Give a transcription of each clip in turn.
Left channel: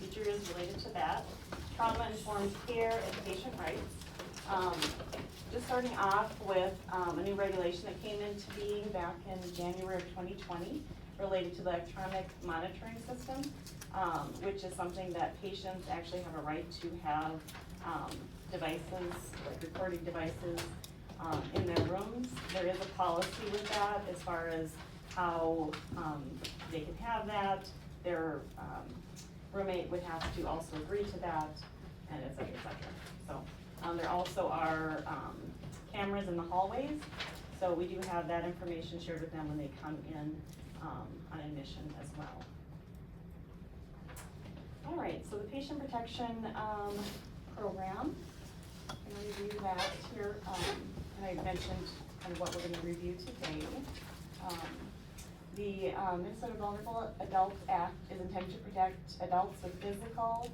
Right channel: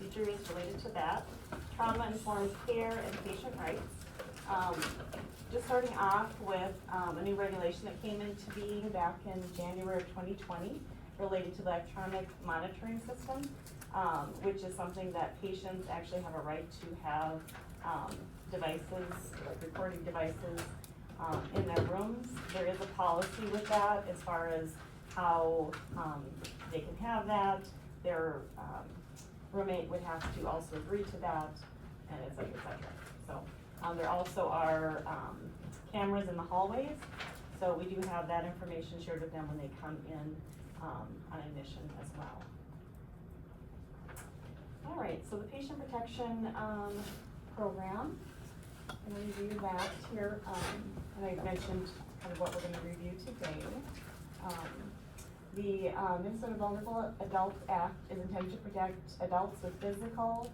procedure is related to that. Trauma-informed care and patient rights. Just starting off with a new regulation that came into being back in January of 2020 related to the electronic monitoring system, which is something that patients actually have a right to have devices, like recording devices, in their rooms. There is a policy with that as far as how they can have that. Their roommate would have to also agree to that, and et cetera, et cetera. So there also are cameras in the hallways, so we do have that information shared with them when they come in on admission as well. All right, so the patient protection program, I'm gonna review that here, and I mentioned kind of what we're gonna review today. The Minnesota Vulnerable Adults Act is intended to protect adults with physical,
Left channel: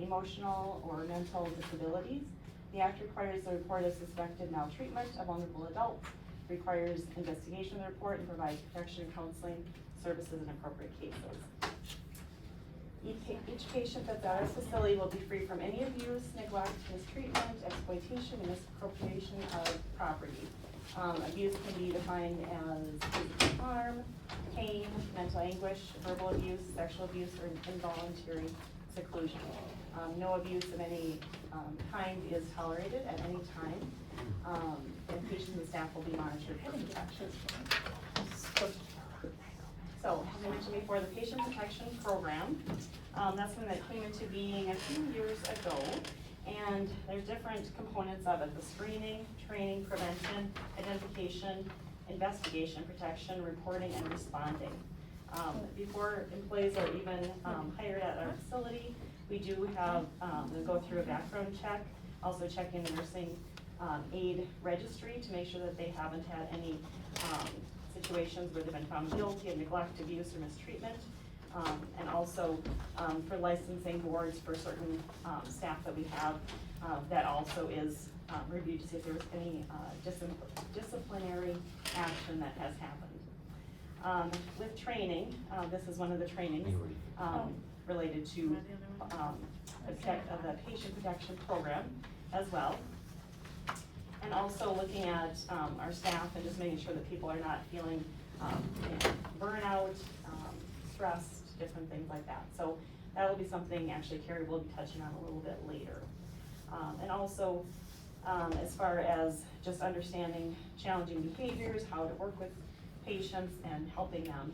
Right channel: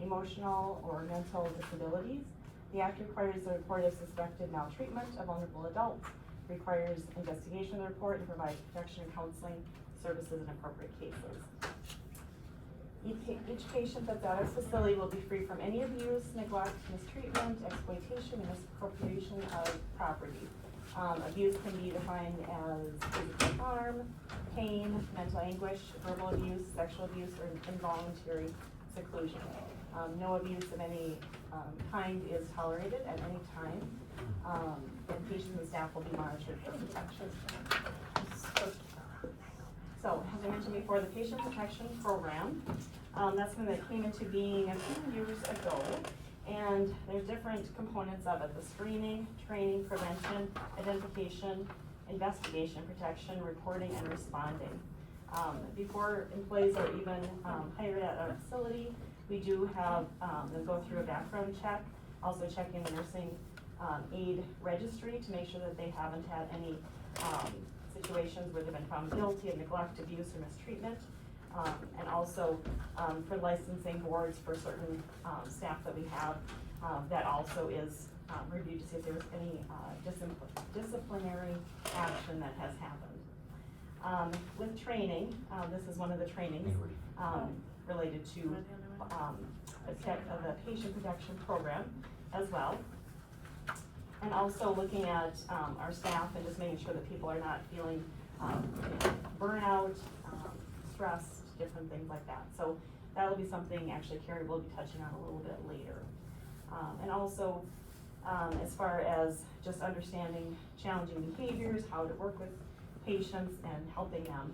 emotional, or mental disabilities. The act requires the report of suspected maltreatment of vulnerable adults, requires investigation of the report, and provides protection and counseling services in appropriate cases. Each patient that's at our facility will be free from any abuse, neglect, mistreatment, exploitation, and misappropriation of property. Abuse can be defined as physical harm, pain, mental anguish, verbal abuse, sexual abuse, or involuntary seclusion. No abuse of any kind is tolerated at any time, and patients and staff will be monitored for protection. So, as I mentioned before, the Patient Protection Program, that's when that came into being a few years ago, and there's different components of it: the screening, training, prevention, identification, investigation, protection, reporting, and responding. Before employees are even hired at our facility, we do have, we'll go through a background check, also checking the nursing aid registry to make sure that they haven't had any situations where they've been found guilty of neglect, abuse, or mistreatment. And also for licensing boards for certain staff that we have, that also is reviewed to see if there was any disciplinary action that has happened. With training, this is one of the trainings related to the patient protection program as well. And also looking at our staff and just making sure that people are not feeling burnout, stressed, different things like that. So that will be something actually Carrie will be touching on a little bit later. And also as far as just understanding challenging behaviors, how to work with patients and helping them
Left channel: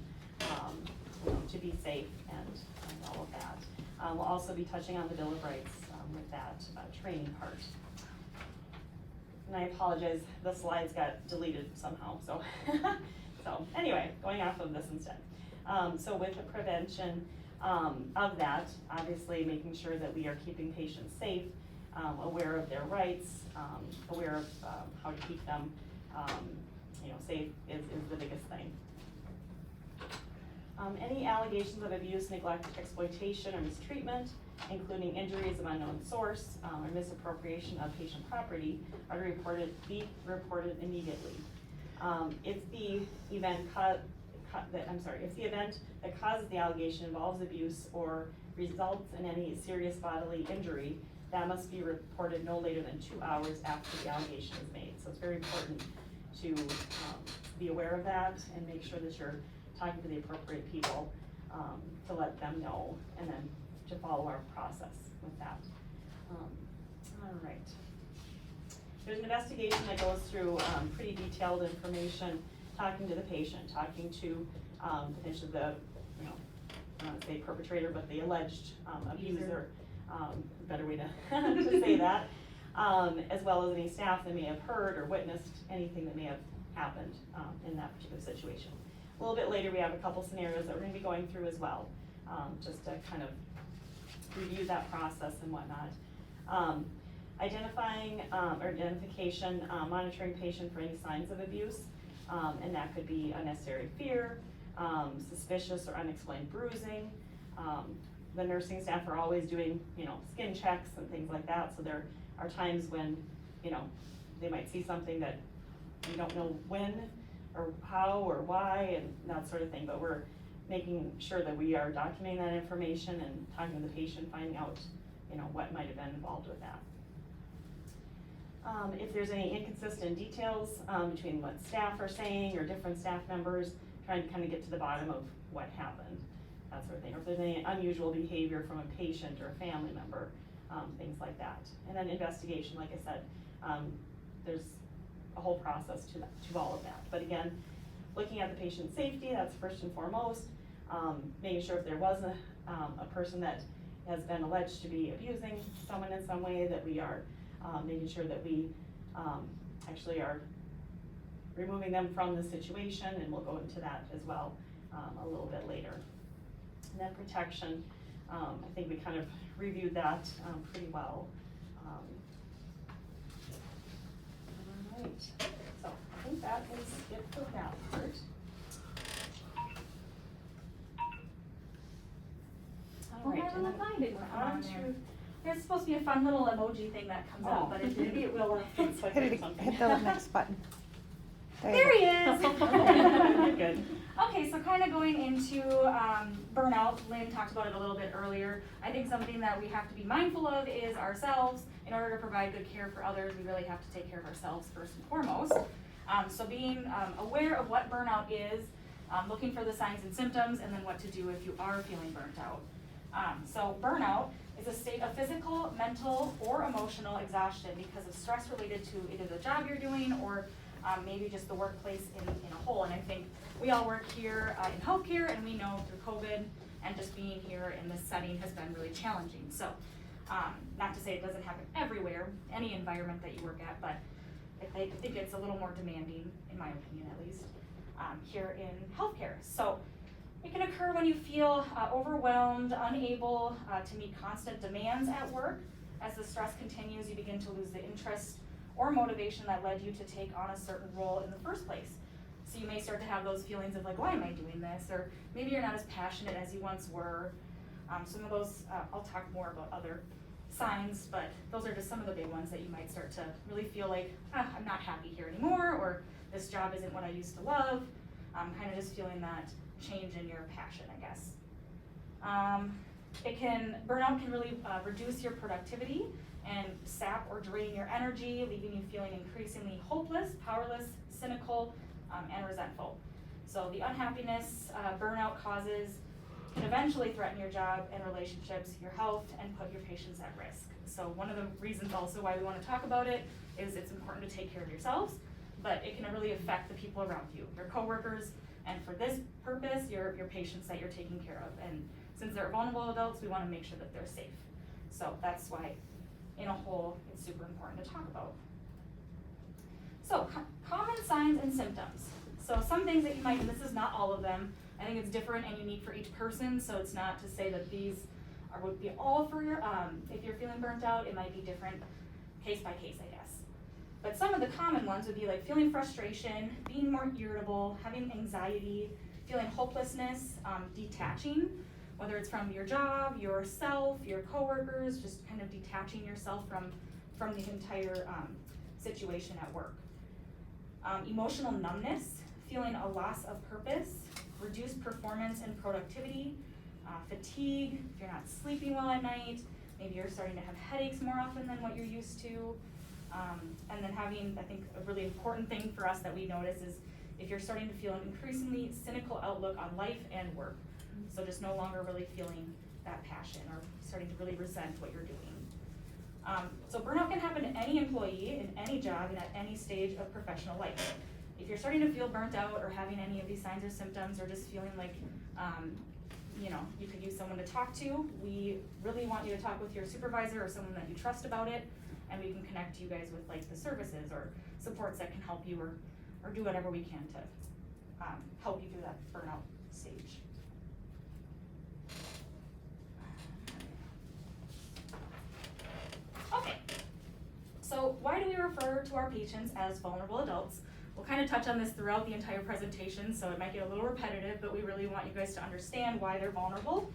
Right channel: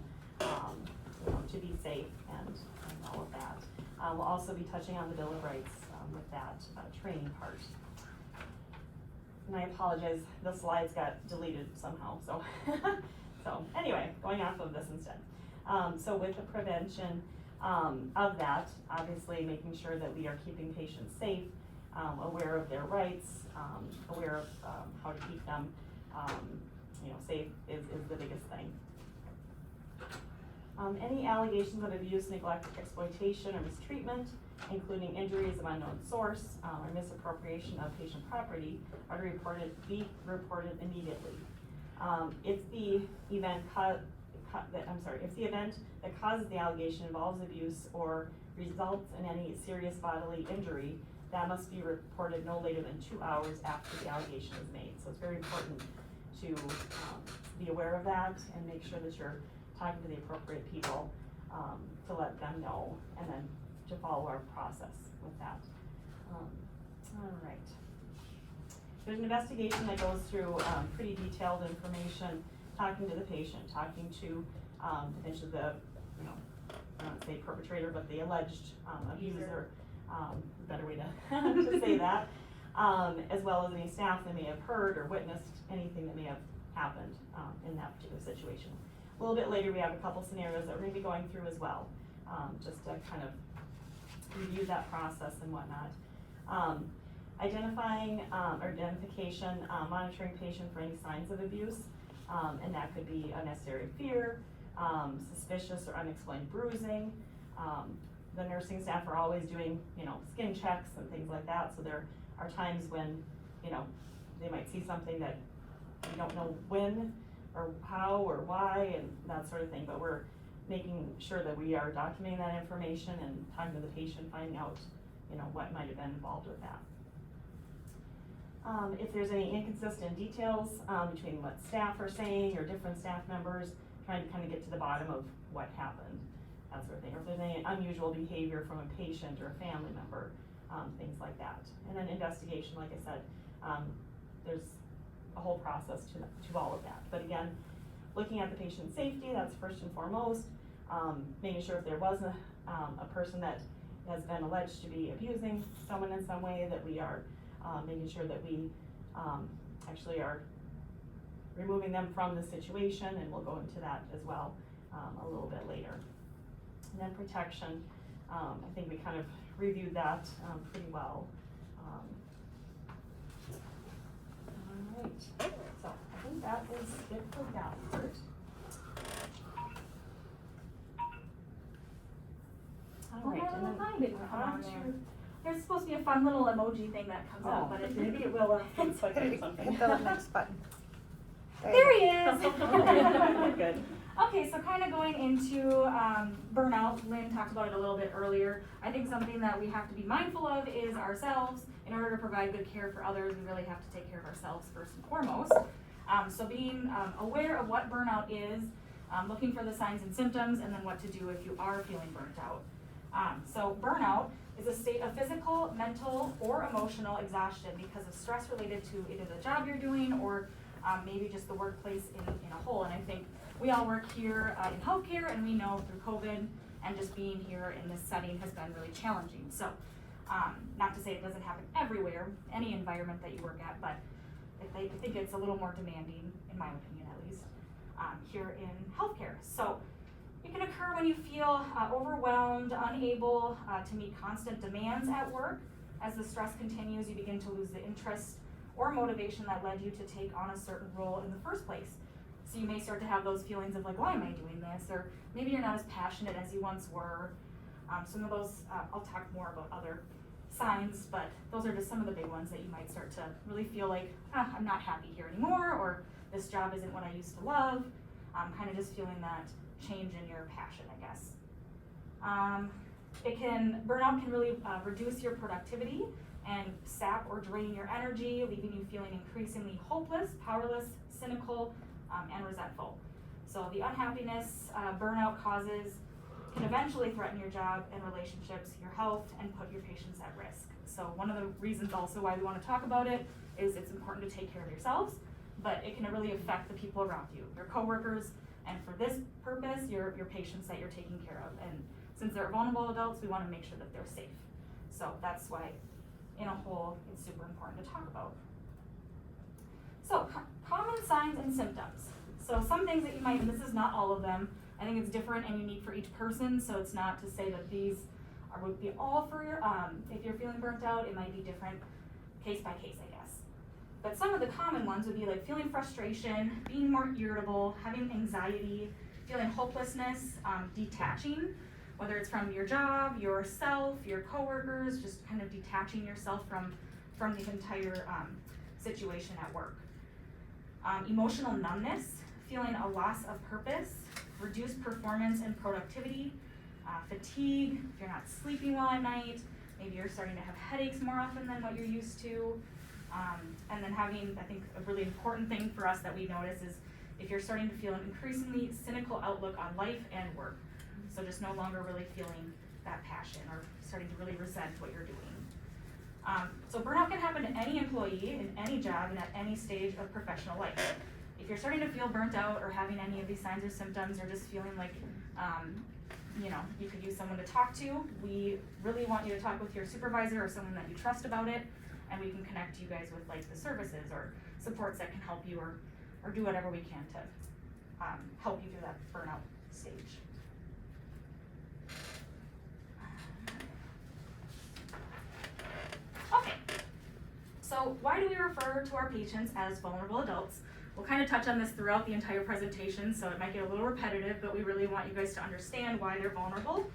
to be safe and all of that. We'll also be touching on the Bill of Rights with that training part. And I apologize, the slides got deleted somehow, so so anyway, going off of this instead. So with the prevention of that, obviously making sure that we are keeping patients safe, aware of their rights, aware of how to keep them safe is the biggest thing. Any allegations of abuse, neglect, exploitation, or mistreatment, including injuries of unknown source or misappropriation of patient property, are be reported immediately. If the event that causes the allegation involves abuse or results in any serious bodily injury, that must be reported no later than 2 hours after the allegation is made. So it's very important to be aware of that and make sure that you're talking to the appropriate people to let them know, and then to follow our process with that. All right. There's an investigation that goes through pretty detailed information, talking to the patient, talking to potentially the, I don't want to say perpetrator, but the alleged abuser, better way to say that, as well as any staff that may have heard or witnessed anything that may have happened in that particular situation. A little bit later, we have a couple scenarios that we're going to be going through as well, just to kind of review that process and whatnot. Identifying or identification, monitoring patient for any signs of abuse, and that could be unnecessary fear, suspicious or unexplained bruising. The nursing staff are always doing, skin checks and things like that. So there are times when, they might see something that you don't know when or how or why and that sort of thing. But we're making sure that we are documenting that information and talking to the patient, finding out, what might have been involved with that. If there's any inconsistent details, between what staff are saying or different staff members, trying to kind of get to the bottom of what happened, that sort of thing. Or if there's any unusual behavior from a patient or a family member, things like that. And then investigation, like I said, there's a whole process to all of that. But again, looking at the patient's safety, that's first and foremost. Making sure if there was a person that has been alleged to be abusing someone in some way, that we are making sure that we actually are removing them from the situation, and we'll go into that as well a little bit later. And then protection, I think we kind of reviewed that pretty well. All right, so I think that is it for that part. All right, and then on to there's supposed to be a fun little emoji thing that comes up, but maybe it will. It's like something. There he is. Good. Okay, so kind of going into burnout, Lynn talked about it a little bit earlier. I think something that we have to be mindful of is ourselves. In order to provide good care for others, we really have to take care of ourselves first and foremost. So being aware of what burnout is, looking for the signs and symptoms, and then what to do if you are feeling burnt out. So burnout is a state of physical, mental, or emotional exhaustion because of stress related to either the job you're doing or maybe just the workplace in a whole. And I think we all work here in healthcare, and we know through COVID and just being here in this setting has been really challenging. So not to say it doesn't happen everywhere, any environment that you work at, but I think it's a little more demanding, in my opinion at least, here in healthcare. So it can occur when you feel overwhelmed, unable to meet constant demands at work. As the stress continues, you begin to lose the interest or motivation that led you to take on a certain role in the first place. So you may start to have those feelings of like, why am I doing this? Or maybe you're not as passionate as you once were. Some of those, I'll talk more about other signs, but those are just some of the big ones that you might start to really feel like, I'm not happy here anymore, or this job isn't what I used to love. Kind of just feeling that change in your passion, I guess. Burnout can really reduce your productivity and sap or drain your energy, leaving you feeling increasingly hopeless, powerless, cynical, and resentful. So the unhappiness burnout causes can eventually threaten your job and relationships, your health, and put your patients at risk. So one of the reasons also why we want to talk about it is it's important to take care of yourselves, but it can really affect the people around you, your coworkers, and for this purpose, your patients that you're taking care of. And since they're vulnerable adults, we want to make sure that they're safe. So that's why, in a whole, it's super important to talk about. So, common signs and symptoms. So some things that you might, and this is not all of them, I think it's different and unique for each person, so it's not to say that these would be all for your, if you're feeling burnt out, it might be different case by case, I guess. But some of the common ones would be like feeling frustration, being more irritable, having anxiety, feeling hopelessness, detaching, whether it's from your job, yourself, your coworkers, just kind of detaching yourself from the entire situation at work. Emotional numbness, feeling a loss of purpose, reduced performance and productivity, fatigue, if you're not sleeping well at night, maybe you're starting to have headaches more often than what you're used to, and then having, I think, a really important thing for us that we notice is if you're starting to feel an increasingly cynical outlook on life and work. So just no longer really feeling that passion or starting to really resent what you're doing. So burnout can happen to any employee in any job and at any stage of professional life. If you're starting to feel burnt out or having any of these signs or symptoms or just feeling like, you could use someone to talk to, we really want you to talk with your supervisor or someone that you trust about it, and we can connect you guys with like the services or supports that can help you or do whatever we can to help you through that burnout stage. Okay, so why do we refer to our patients as vulnerable adults? We'll kind of touch on this throughout the entire presentation, so it might get a little repetitive, but we really want you guys to understand why they're vulnerable.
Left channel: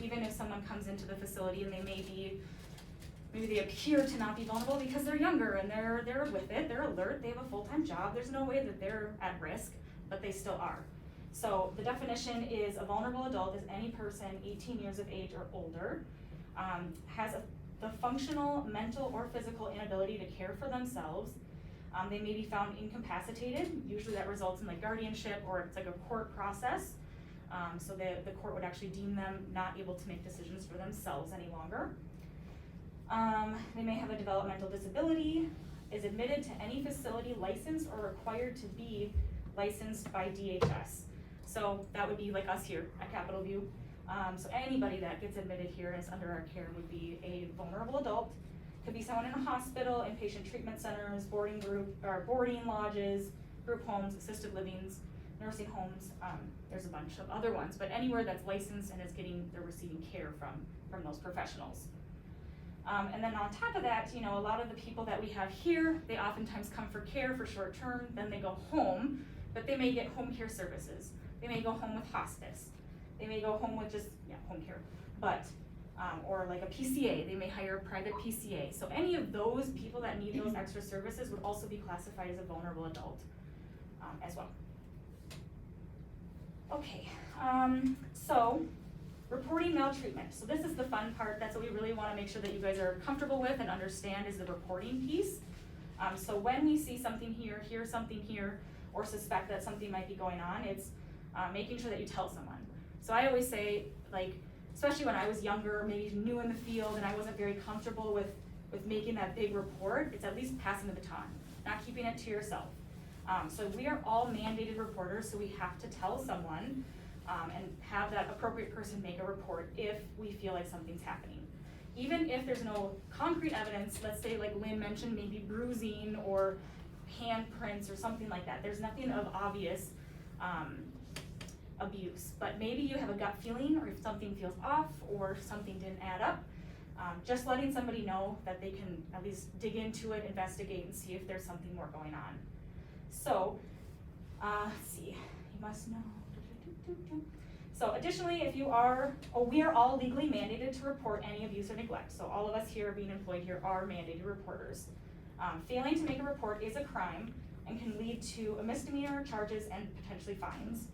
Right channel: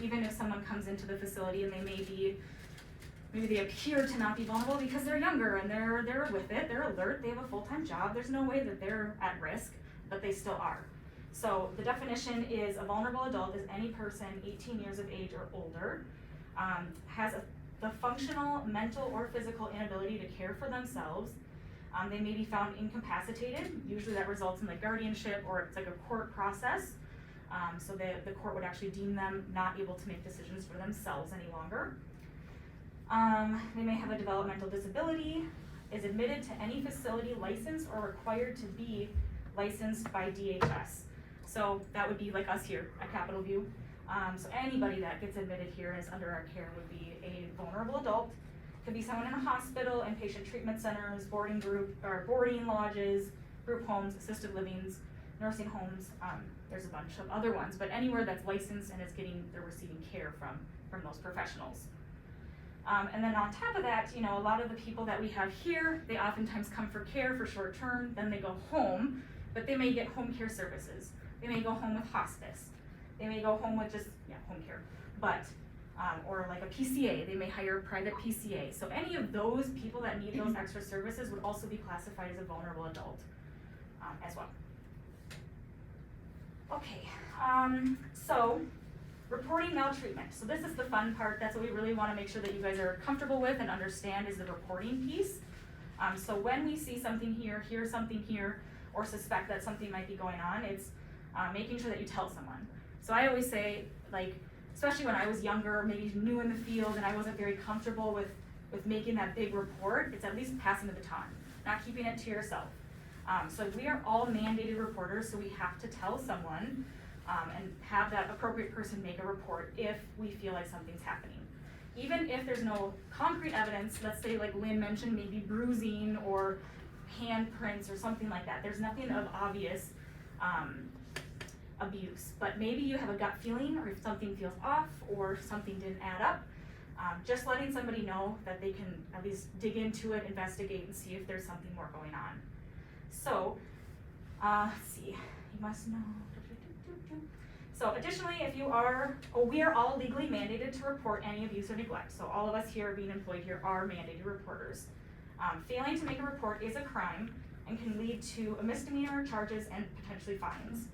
Even if someone comes into the facility and maybe they appear to not be vulnerable because they're younger and they're with it, they're alert, they have a full-time job, there's no way that they're at risk, but they still are. So the definition is a vulnerable adult is any person 18 years of age or older, has the functional, mental, or physical inability to care for themselves. They may be found incapacitated. Usually that results in like guardianship, or it's like a court process. So the court would actually deem them not able to make decisions for themselves any longer. They may have a developmental disability, is admitted to any facility licensed or required to be licensed by DHS. So that would be like us here at Capitol View. So anybody that gets admitted here and is under our care would be a vulnerable adult. Could be someone in a hospital, inpatient treatment centers, boarding lodges, group homes, assisted livings, nursing homes. There's a bunch of other ones, but anywhere that's licensed and they're receiving care from those professionals. And then on top of that, you know, a lot of the people that we have here, they oftentimes come for care for short term, then they go home, but they may get home care services. They may go home with hospice. They may go home with just, home care, but, or like a PCA, they may hire a private PCA. So any of those people that need those extra services would also be classified as a vulnerable adult as well. Okay, so reporting maltreatment. So this is the fun part. That's what we really want to make sure that you guys are comfortable with and understand is the reporting piece. So when we see something here, hear something here, or suspect that something might be going on, it's making sure that you tell someone. So I always say, like, especially when I was younger, maybe new in the field, and I wasn't very comfortable with making that big report, it's at least passing the baton, not keeping it to yourself. So we are all mandated reporters, so we have to tell someone and have that appropriate person make a report if we feel like something's happening. Even if there's no concrete evidence, let's say like Lynn mentioned, maybe bruising or handprints or something like that. There's nothing of obvious abuse, but maybe you have a gut feeling, or if something feels off or something didn't add up, just letting somebody know that they can at least dig into it, investigate, and see if there's something more going on. So, let's see, you must know. So additionally, if you are, we are all legally mandated to report any abuse or neglect. So all of us here being employed here are mandated reporters. Failing to make a report is a crime and can lead to a misdemeanor charges and potentially fines.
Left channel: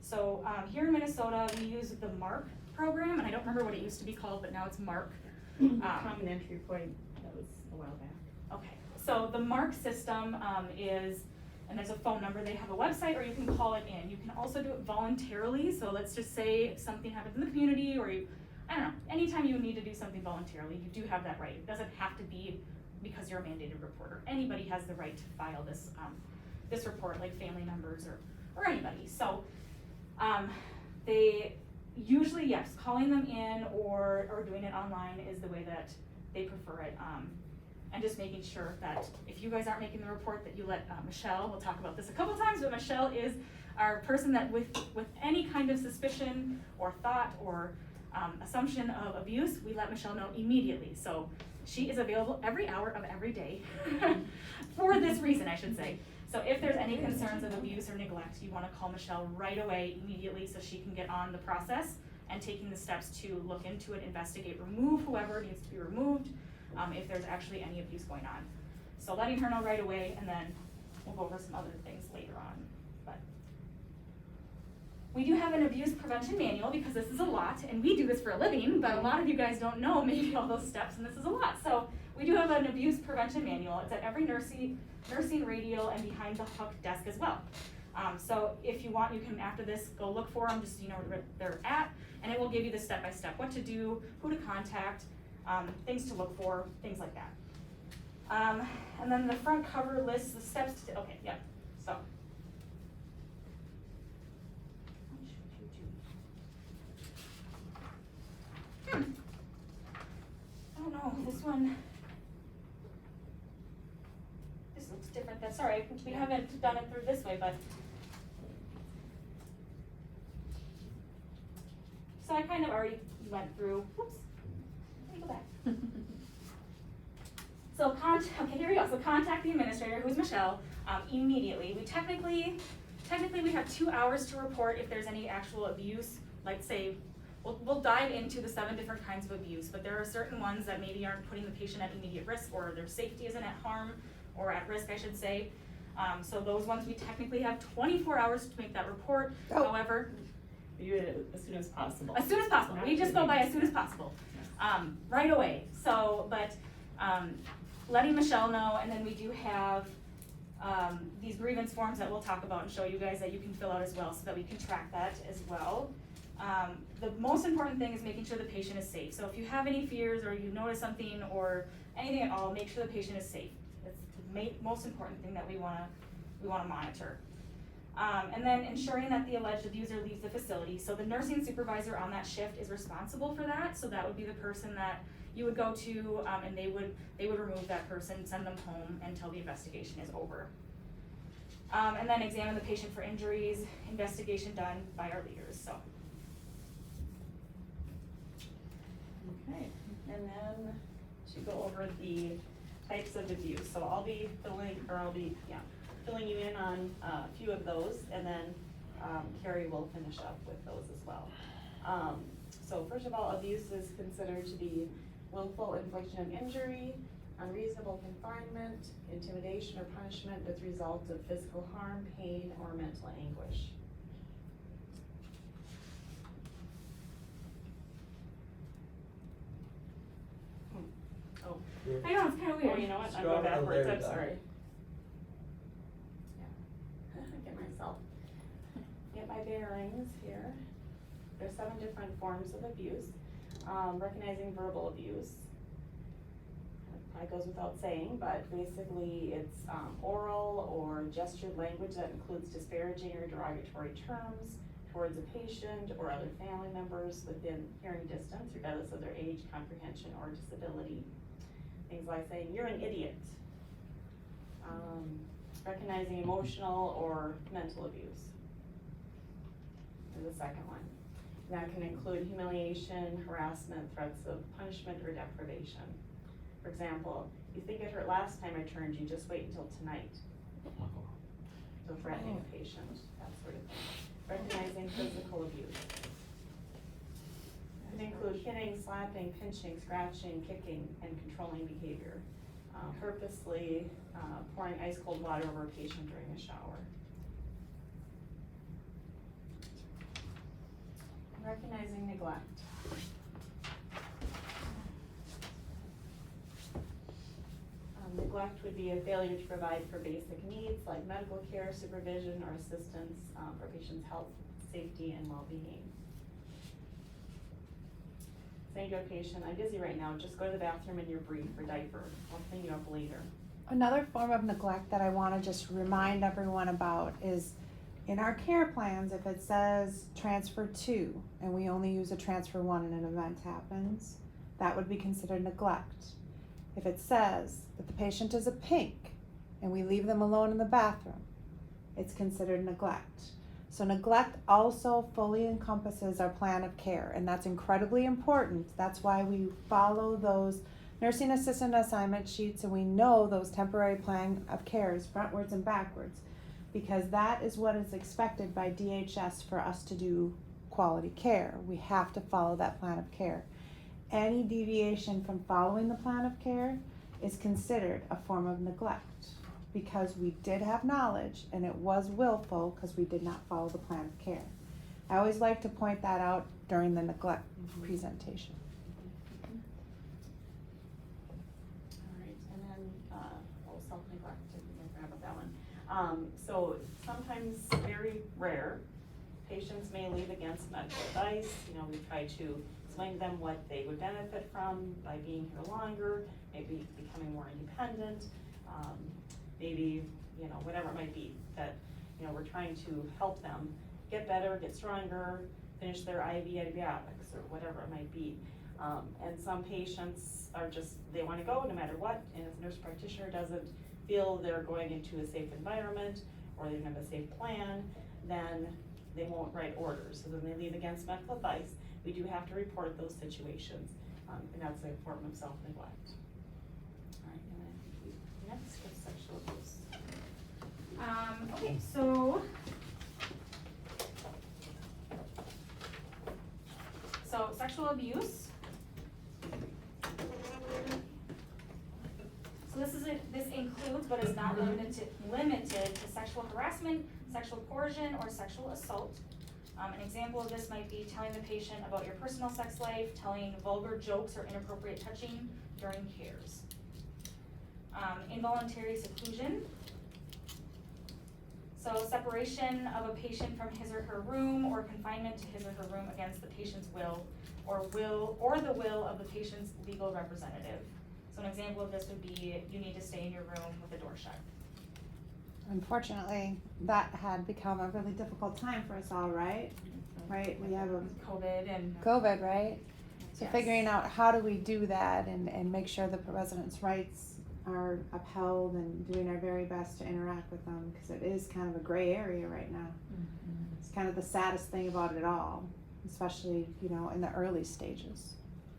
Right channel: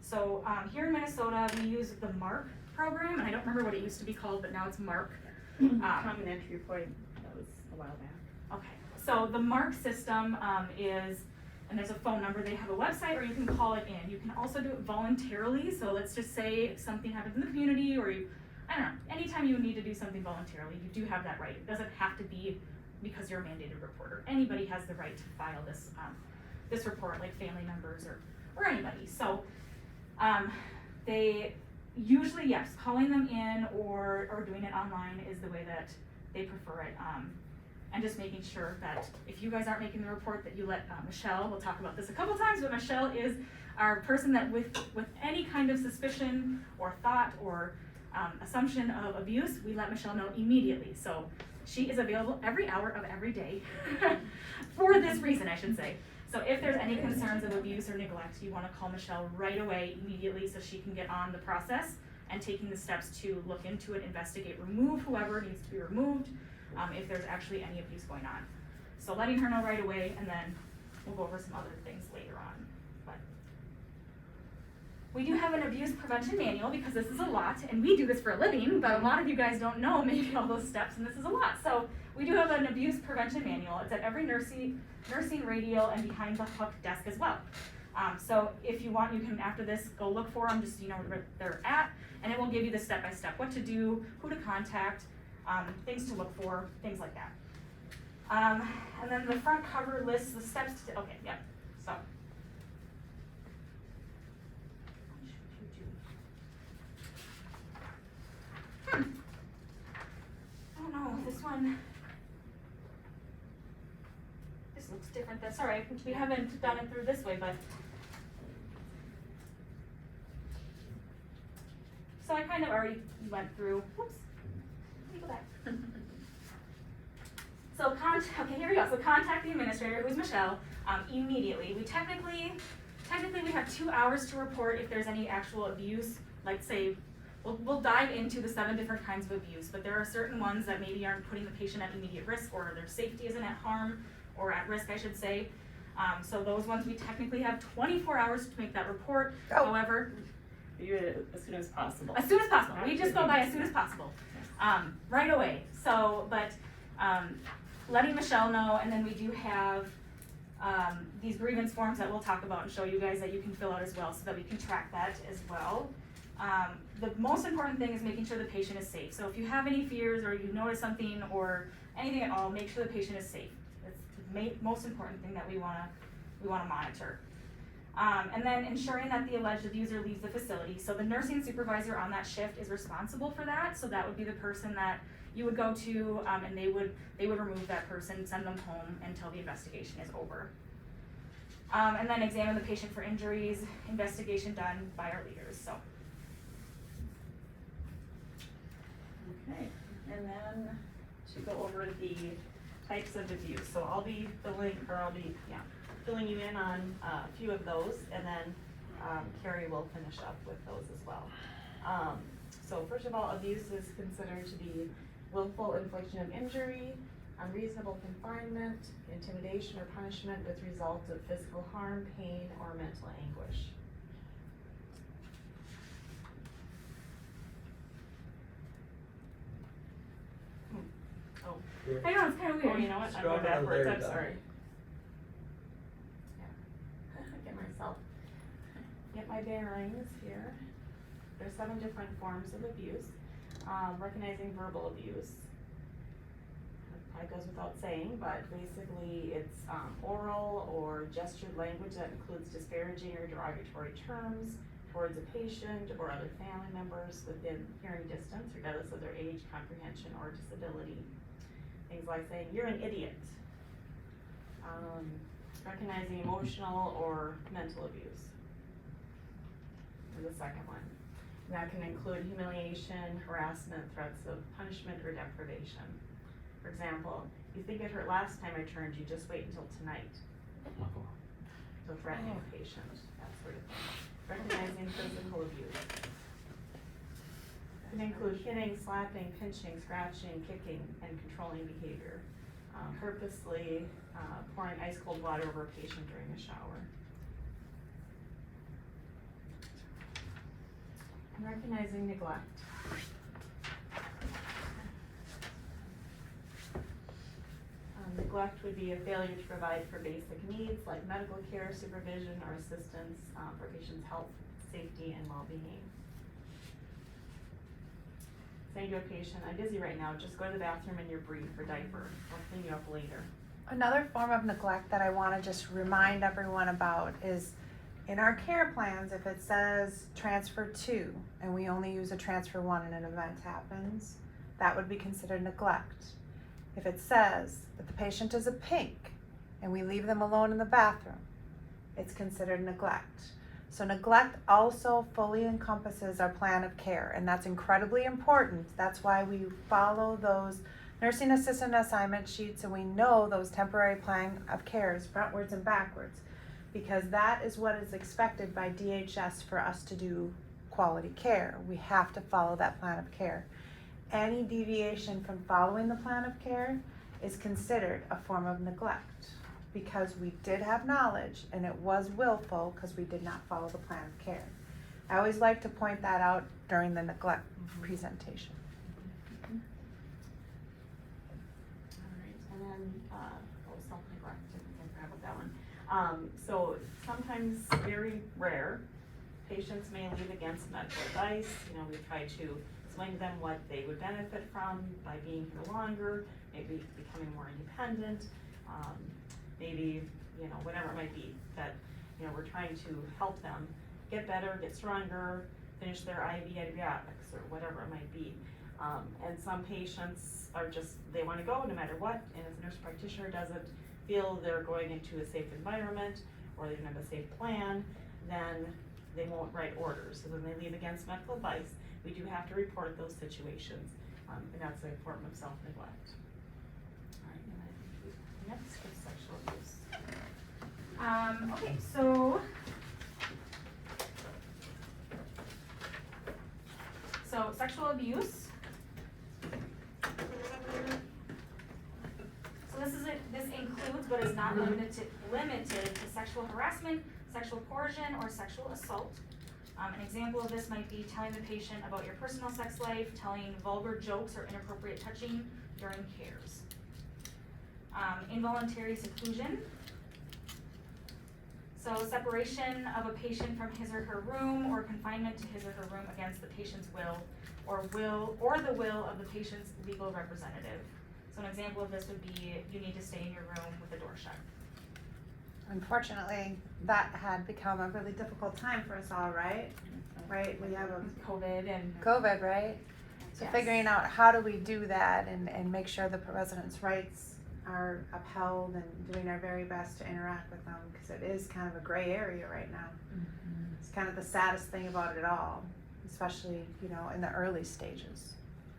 So here in Minnesota, we use the MARC program, and I don't remember what it used to be called, but now it's MARC. Common entry point, that was a while back. Okay, so the MARC system is, and there's a phone number, they have a website, or you can call it in. You can also do it voluntarily, so let's just say something happens in the community, or I don't know, anytime you need to do something voluntarily, you do have that right. It doesn't have to be because you're a mandated reporter. Anybody has the right to file this this report, like family members or anybody. So they usually, yes, calling them in or doing it online is the way that they prefer it. And just making sure that if you guys aren't making the report, that you let Michelle, we'll talk about this a couple times, but Michelle is our person that with any kind of suspicion or thought or assumption of abuse, we let Michelle know immediately. So she is available every hour of every day for this reason, I should say. So if there's any concerns of abuse or neglect, you want to call Michelle right away, immediately, so she can get on the process and taking the steps to look into it, investigate, remove whoever needs to be removed, if there's actually any abuse going on. So letting her know right away, and then we'll go over some other things later on. But we do have an abuse prevention manual, because this is a lot, and we do this for a living, but a lot of you guys don't know maybe all those steps, and this is a lot. So we do have an abuse prevention manual. It's at every nursing radial and behind the hook desk as well. So if you want, you can, after this, go look for them, just so you know where they're at, and it will give you the step-by-step, what to do, who to contact, things to look for, things like that. And then the front cover lists the steps to, okay, yeah, so. I don't know, this one, this looks different, that's all right, we haven't done it through this way, but. So I kind of already went through, whoops, let me go back. So okay, here we go. So contact the administrator, who's Michelle, immediately. We technically we have 2 hours to report if there's any actual abuse. Like say, we'll dive into the 7 different kinds of abuse, but there are certain ones that maybe aren't putting the patient at immediate risk, or their safety isn't at harm, or at risk, I should say. So those ones, we technically have 24 hours to make that report. Oh. However, You do it as soon as possible. as soon as possible, we just go by as soon as possible, right away. So, but, letting Michelle know, and then we do have, these grievance forms that we'll talk about and show you guys that you can fill out as well, so that we can track that as well. The most important thing is making sure the patient is safe. So if you have any fears, or you notice something, or anything at all, make sure the patient is safe. That's the most important thing that we wanna monitor. And then ensuring that the alleged abuser leaves the facility. So the nursing supervisor on that shift is responsible for that, so that would be the person that you would go to, and they would remove that person, send them home until the investigation is over. And then examine the patient for injuries, investigation done by our leaders, so. Okay, and then to go over the types of abuse, so I'll be filling you in on a few of those, and then Carrie will finish up with those as well. So first of all, abuse is considered to be willful infliction of injury, unreasonable confinement, intimidation or punishment with result of physical harm, pain, or mental anguish. Oh, I know, it's kinda oh, weird. you know what, I'm Scroll going down backwards, there, I'm Dawn. sorry. Get my bearings here. There's 7 different forms of abuse. Recognizing verbal abuse. Probably goes without saying, but basically it's oral or gestured language that includes disparaging or derogatory terms towards a patient or other family members within hearing distance, regardless of their age, comprehension, or disability. Things like saying, "You're an idiot." Recognizing emotional or mental abuse is the second one. And that can include humiliation, harassment, threats of punishment, or deprivation. For example, "You think it hurt last time I turned you, just wait until tonight." So threatening a patient, that sort of thing. Recognizing physical abuse. It can include hitting, slapping, pinching, scratching, kicking, and controlling behavior. Purposely pouring ice cold water over a patient during a shower. And recognizing neglect. Neglect would be a failure to provide for basic needs like medical care, supervision, or assistance for patients' health, safety, and well-being. Say to a patient, "I'm busy right now, just go to the bathroom in your brief or diaper. I'll clean you up later." Another form of neglect that I wanna just remind everyone about is in our care plans, if it says transfer 2 and we only use a transfer 1 and an event happens, that would be considered neglect. If it says that the patient is a pink and we leave them alone in the bathroom, it's considered neglect. So neglect also fully encompasses our plan of care, and that's incredibly important. That's why we follow those nursing assistant assignment sheets, and we know those temporary plan of cares frontwards and backwards, because that is what is expected by DHS for us to do quality care. We have to follow that plan of care. Any deviation from following the plan of care is considered a form of neglect, because we did have knowledge and it was willful because we did not follow the plan of care. I always like to point that out during the neglect presentation. Alright, and then, self-neglect, I forgot about that one. So sometimes, very rare, patients may leave against medical advice. We try to explain to them what they would benefit from by being here longer, maybe becoming more independent, maybe, whatever it might be, that, we're trying to help them get better, get stronger, finish their IV antibiotics, or whatever it might be. And some patients are just, they wanna go no matter what, and if the nurse practitioner doesn't feel they're going into a safe environment, or they don't have a safe plan, then they won't write orders, so then they leave against medical advice. We do have to report those situations, and that's a form of self-neglect. Alright, and then next is sexual abuse. Okay, so sexual abuse. So this includes includes but is not limited to sexual harassment, sexual coercion, or sexual assault. An example of this might be telling the patient about your personal sex life, telling vulgar jokes or inappropriate touching during cares. Involuntary seclusion. So separation of a patient from his or her room, or confinement to his or her room against the patient's will or the will of the patient's legal representative. So an example of this would be you need to stay in your room with the door shut. Unfortunately, that had become a really difficult time for us all, right? Right, we have a COVID and COVID, right? So Yes. figuring out how do we do that and make sure the residents' rights are upheld and doing our very best to interact with them, because it is kind of a gray area right now. It's kind of the saddest thing about it all, especially, you know, in the early stages.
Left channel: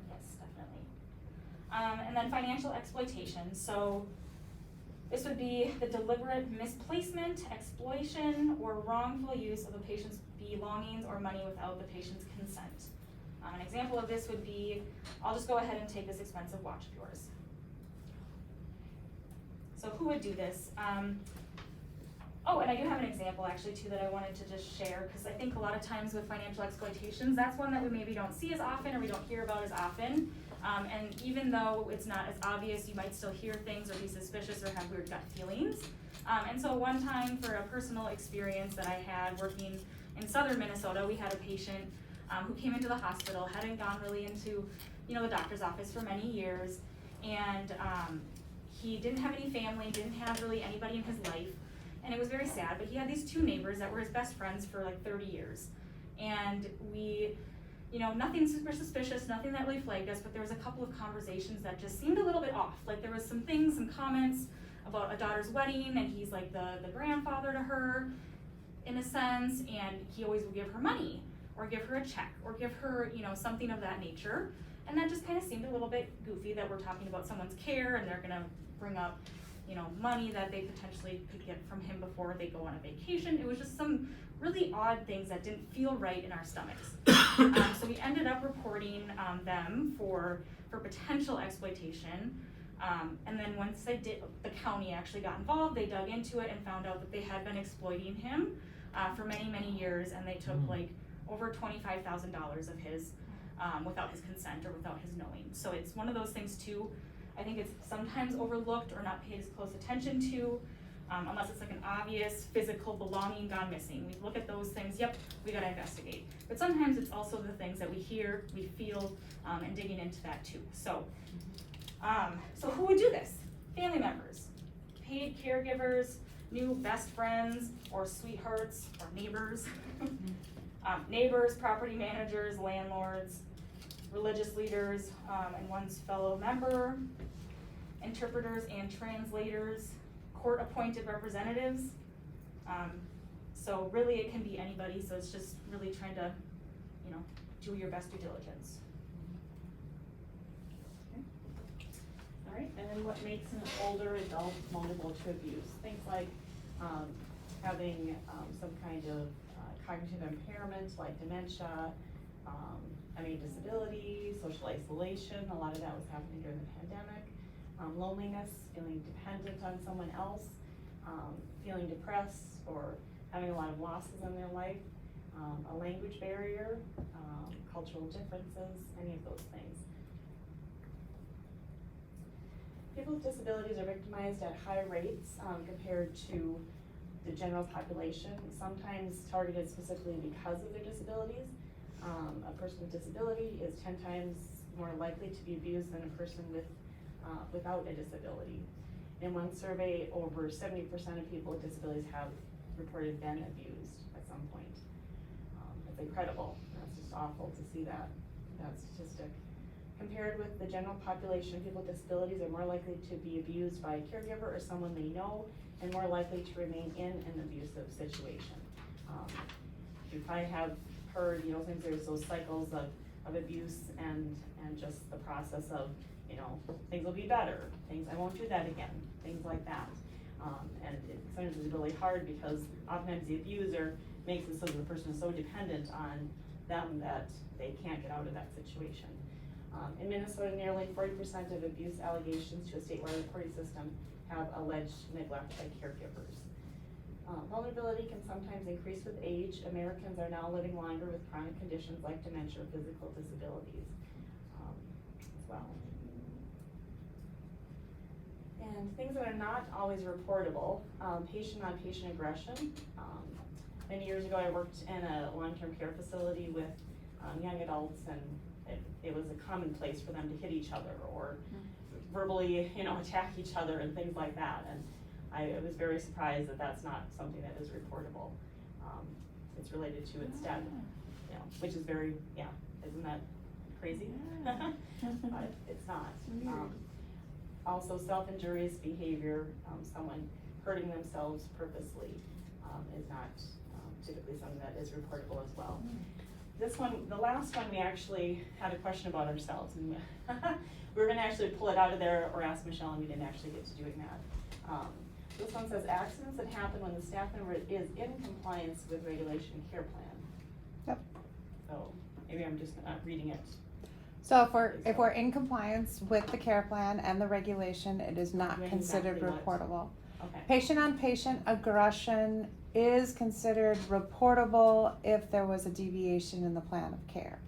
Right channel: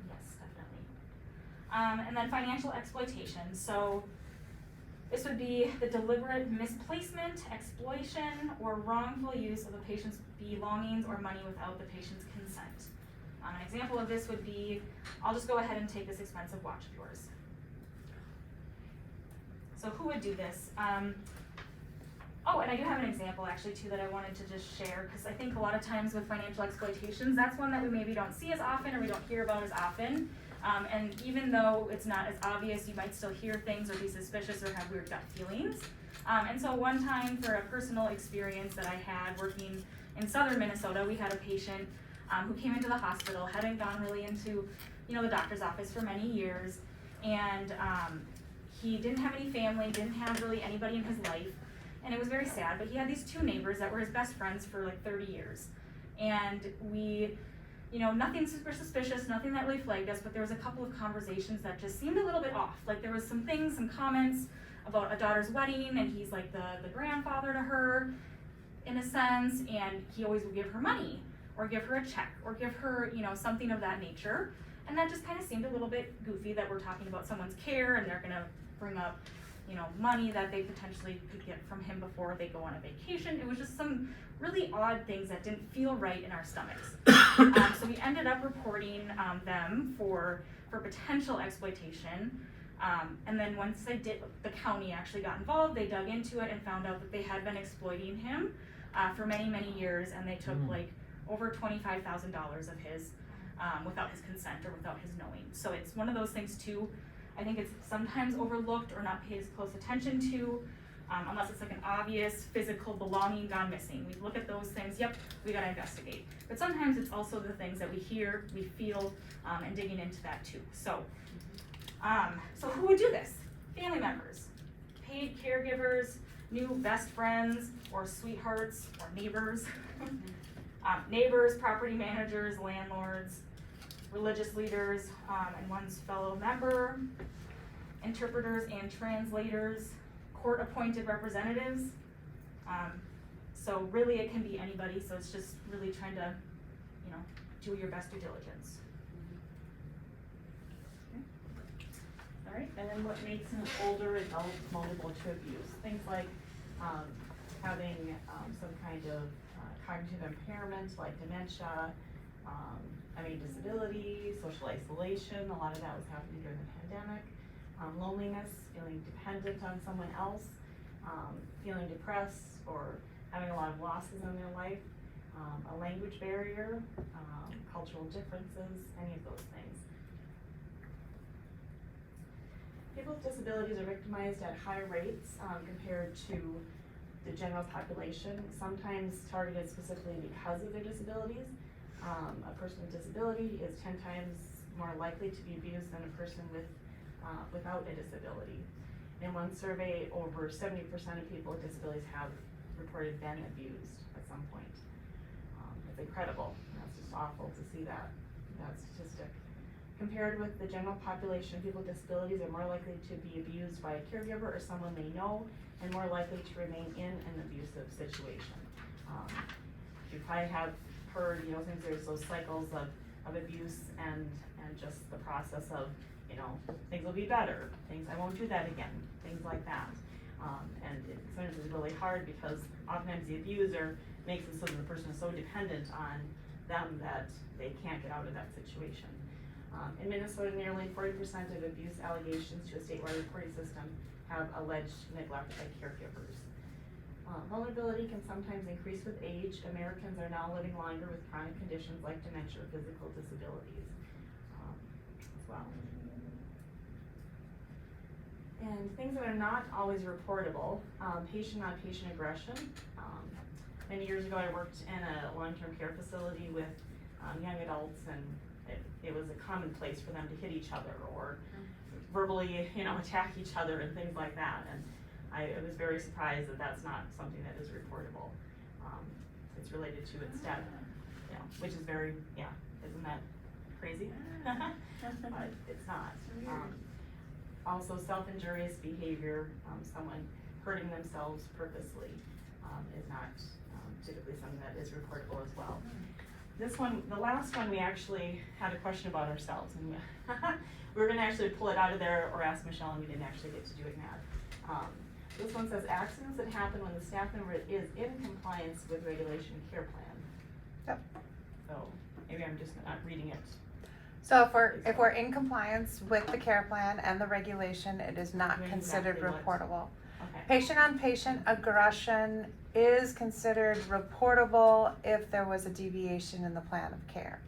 Yes, definitely. And then financial exploitation. So this would be the deliberate misplacement, exploitation, or wrongful use of a patient's belongings or money without the patient's consent. An example of this would be, I'll just go ahead and take this expensive watch of yours. So who would do this? Oh, and I do have an example actually too that I wanted to just share, because I think a lot of times with financial exploitations, that's one that we maybe don't see as often or we don't hear about as often. And even though it's not as obvious, you might still hear things or be suspicious or have weird gut feelings. And so one time, for a personal experience that I had working in southern Minnesota, we had a patient who came into the hospital, hadn't gone really into, you know, the doctor's office for many years, and he didn't have any family, didn't have really anybody in his life, and it was very sad, but he had these two neighbors that were his best friends for like 30 years. And we, you know, nothing super suspicious, nothing that really flagged us, but there was a couple of conversations that just seemed a little bit off. Like there was some things, some comments about a daughter's wedding, and he's like the grandfather to her, in a sense, and he always would give her money, or give her a check, or give her, you know, something of that nature. And that just kind of seemed a little bit goofy, that we're talking about someone's care and they're gonna bring up, you know, money that they potentially could get from him before they go on a vacation. It was just some really odd things that didn't feel right in our stomachs. So we ended up reporting them for potential exploitation. And then once they did, the county actually got involved, they dug into it and found out that they had been exploiting him for many, many years, and they took like over $25,000 of his without his consent or without his knowing. So it's one of those things too, I think it's sometimes overlooked or not paid as close attention to, unless it's like an obvious physical belonging gone missing. We look at those things, yep, we gotta investigate. But sometimes it's also the things that we hear, we feel, and digging into that too. So, so who would do this? Family members, paid caregivers, new best friends, or sweethearts, or neighbors. Neighbors, property managers, landlords, religious leaders, and one's fellow member, interpreters and translators, court-appointed representatives. So really it can be anybody, so it's just really trying to, you know, do your best due diligence. All right, and then what makes an older adult vulnerable to abuse? Things like having some kind of cognitive impairment like dementia, disability, social isolation. A lot of that was happening during the pandemic. Loneliness, feeling dependent on someone else, feeling depressed or having a lot of losses in their life, a language barrier, cultural differences, any of those things. People with disabilities are victimized at high rates compared to the general population, sometimes targeted specifically because of their disabilities. A person with disability is 10 times more likely to be abused than a person without a disability. In one survey, over 70% of people with disabilities have reported been abused at some point. It's incredible. That's just awful to see that statistic. Compared with the general population, people with disabilities are more likely to be abused by a caregiver or someone they know, and more likely to remain in an abusive situation. You probably have heard, you know, since there's those cycles of abuse and just the process of, you know, things will be better, things, I won't do that again, things like that. And sometimes it's really hard because oftentimes the abuser makes it so that the person is so dependent on them that they can't get out of that situation. In Minnesota, nearly 40% of abuse allegations to a statewide reporting system have alleged neglect by caregivers. Vulnerability can sometimes increase with age. Americans are now living longer with chronic conditions like dementia or physical disabilities as well. And things that are not always reportable, patient-on-patient aggression. Many years ago, I worked in a long-term care facility with young adults, and it was a commonplace for them to hit each other or verbally, attack each other and things like that. And I was very surprised that that's not something that is reportable. It's related to instead, which is very, isn't that crazy? But it's not. Also, self-injurious behavior, someone hurting themselves purposely, is not typically something that is reportable as well. This one, the last one, we actually had a question about ourselves, and we were going to actually pull it out of there or ask Michelle, and we didn't actually get to doing that. This one says accidents that happen when the staff member is in compliance with regulation and care plan. Yep. So maybe I'm just not reading it. So if we're in compliance with the care plan and the regulation, it is not Doing considered exactly what? reportable. Okay. Patient-on-patient aggression is considered reportable if there was a deviation in the plan of care,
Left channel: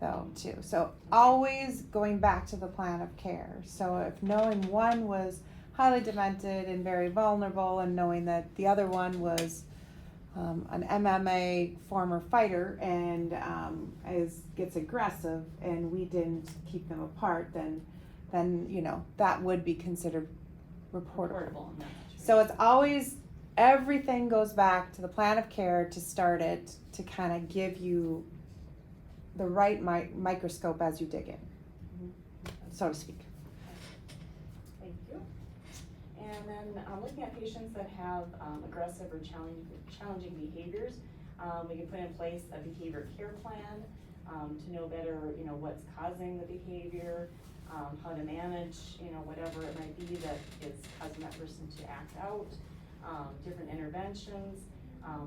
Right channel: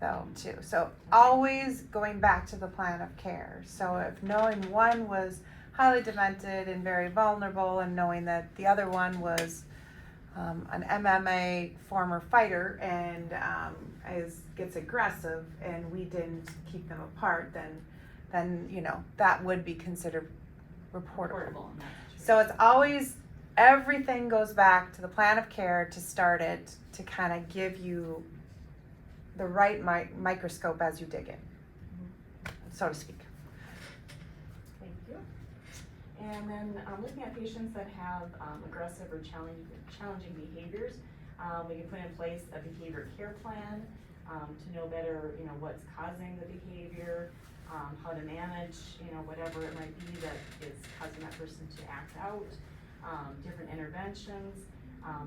though, too. So always going back to the plan of care. So if knowing one was highly demented and very vulnerable, and knowing that the other one was an MMA former fighter and gets aggressive, and we didn't keep them apart, then that would be considered reportable. In that So it's always, everything goes back to the plan of care to start it, to kind of give you the right microscope as you dig in, so to speak. Thank you. And then looking at patients that have aggressive or challenging behaviors, we can put in place a behavior care plan to know better, what's causing the behavior, how to manage, whatever it might be that is causing that person to act out, different interventions,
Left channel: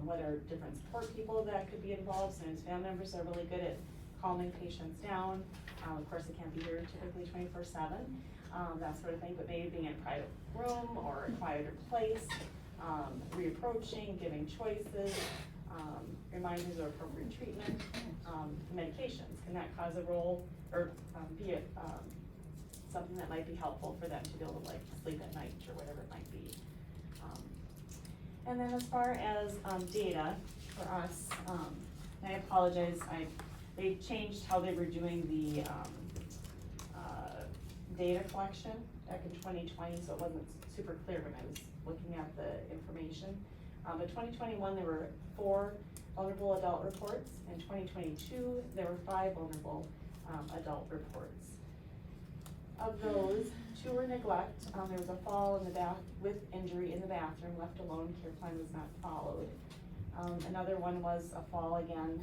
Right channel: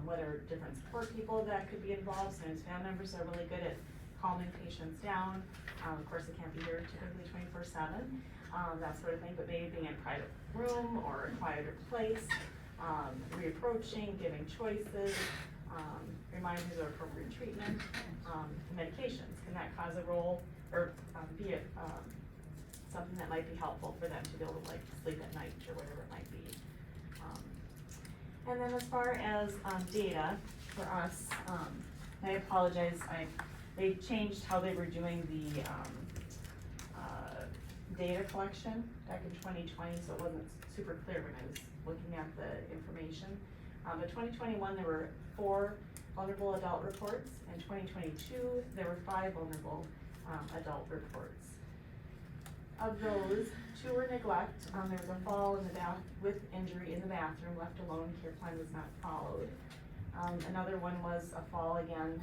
whether different support people that could be involved. Sometimes family members are really good at calming patients down. Of course, they can't be here typically 24/7, that sort of thing, but maybe being in a private room or a quieter place, reapproaching, giving choices, reminders of appropriate treatment, medications. Can that cause a role or be something that might be helpful for them to be able to sleep at night or whatever it might be. And then as far as data for us, and I apologize, they changed how they were doing the data collection back in 2020, so it wasn't super clear when I was looking at the information. But 2021 there were 4 vulnerable adult reports. In 2022 there were 5 vulnerable adult reports. Of those, 2 were neglect. There was a fall in the bath with injury in the bathroom, left alone, care plan was not followed. Another one was a fall again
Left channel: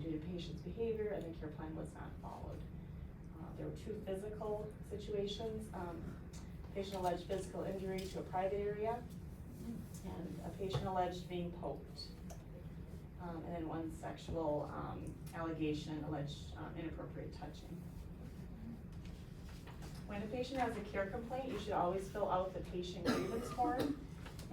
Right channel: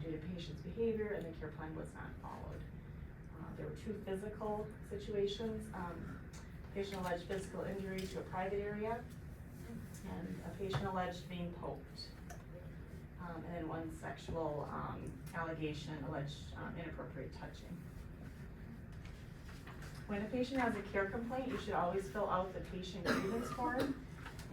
due to patient's behavior, and the care plan was not followed. There were 2 physical situations. Patient alleged physical injury to a private area, and a patient alleged being poked. And then 1 sexual allegation, alleged inappropriate touching. When a patient has a care complaint, you should always fill out the patient grievance form,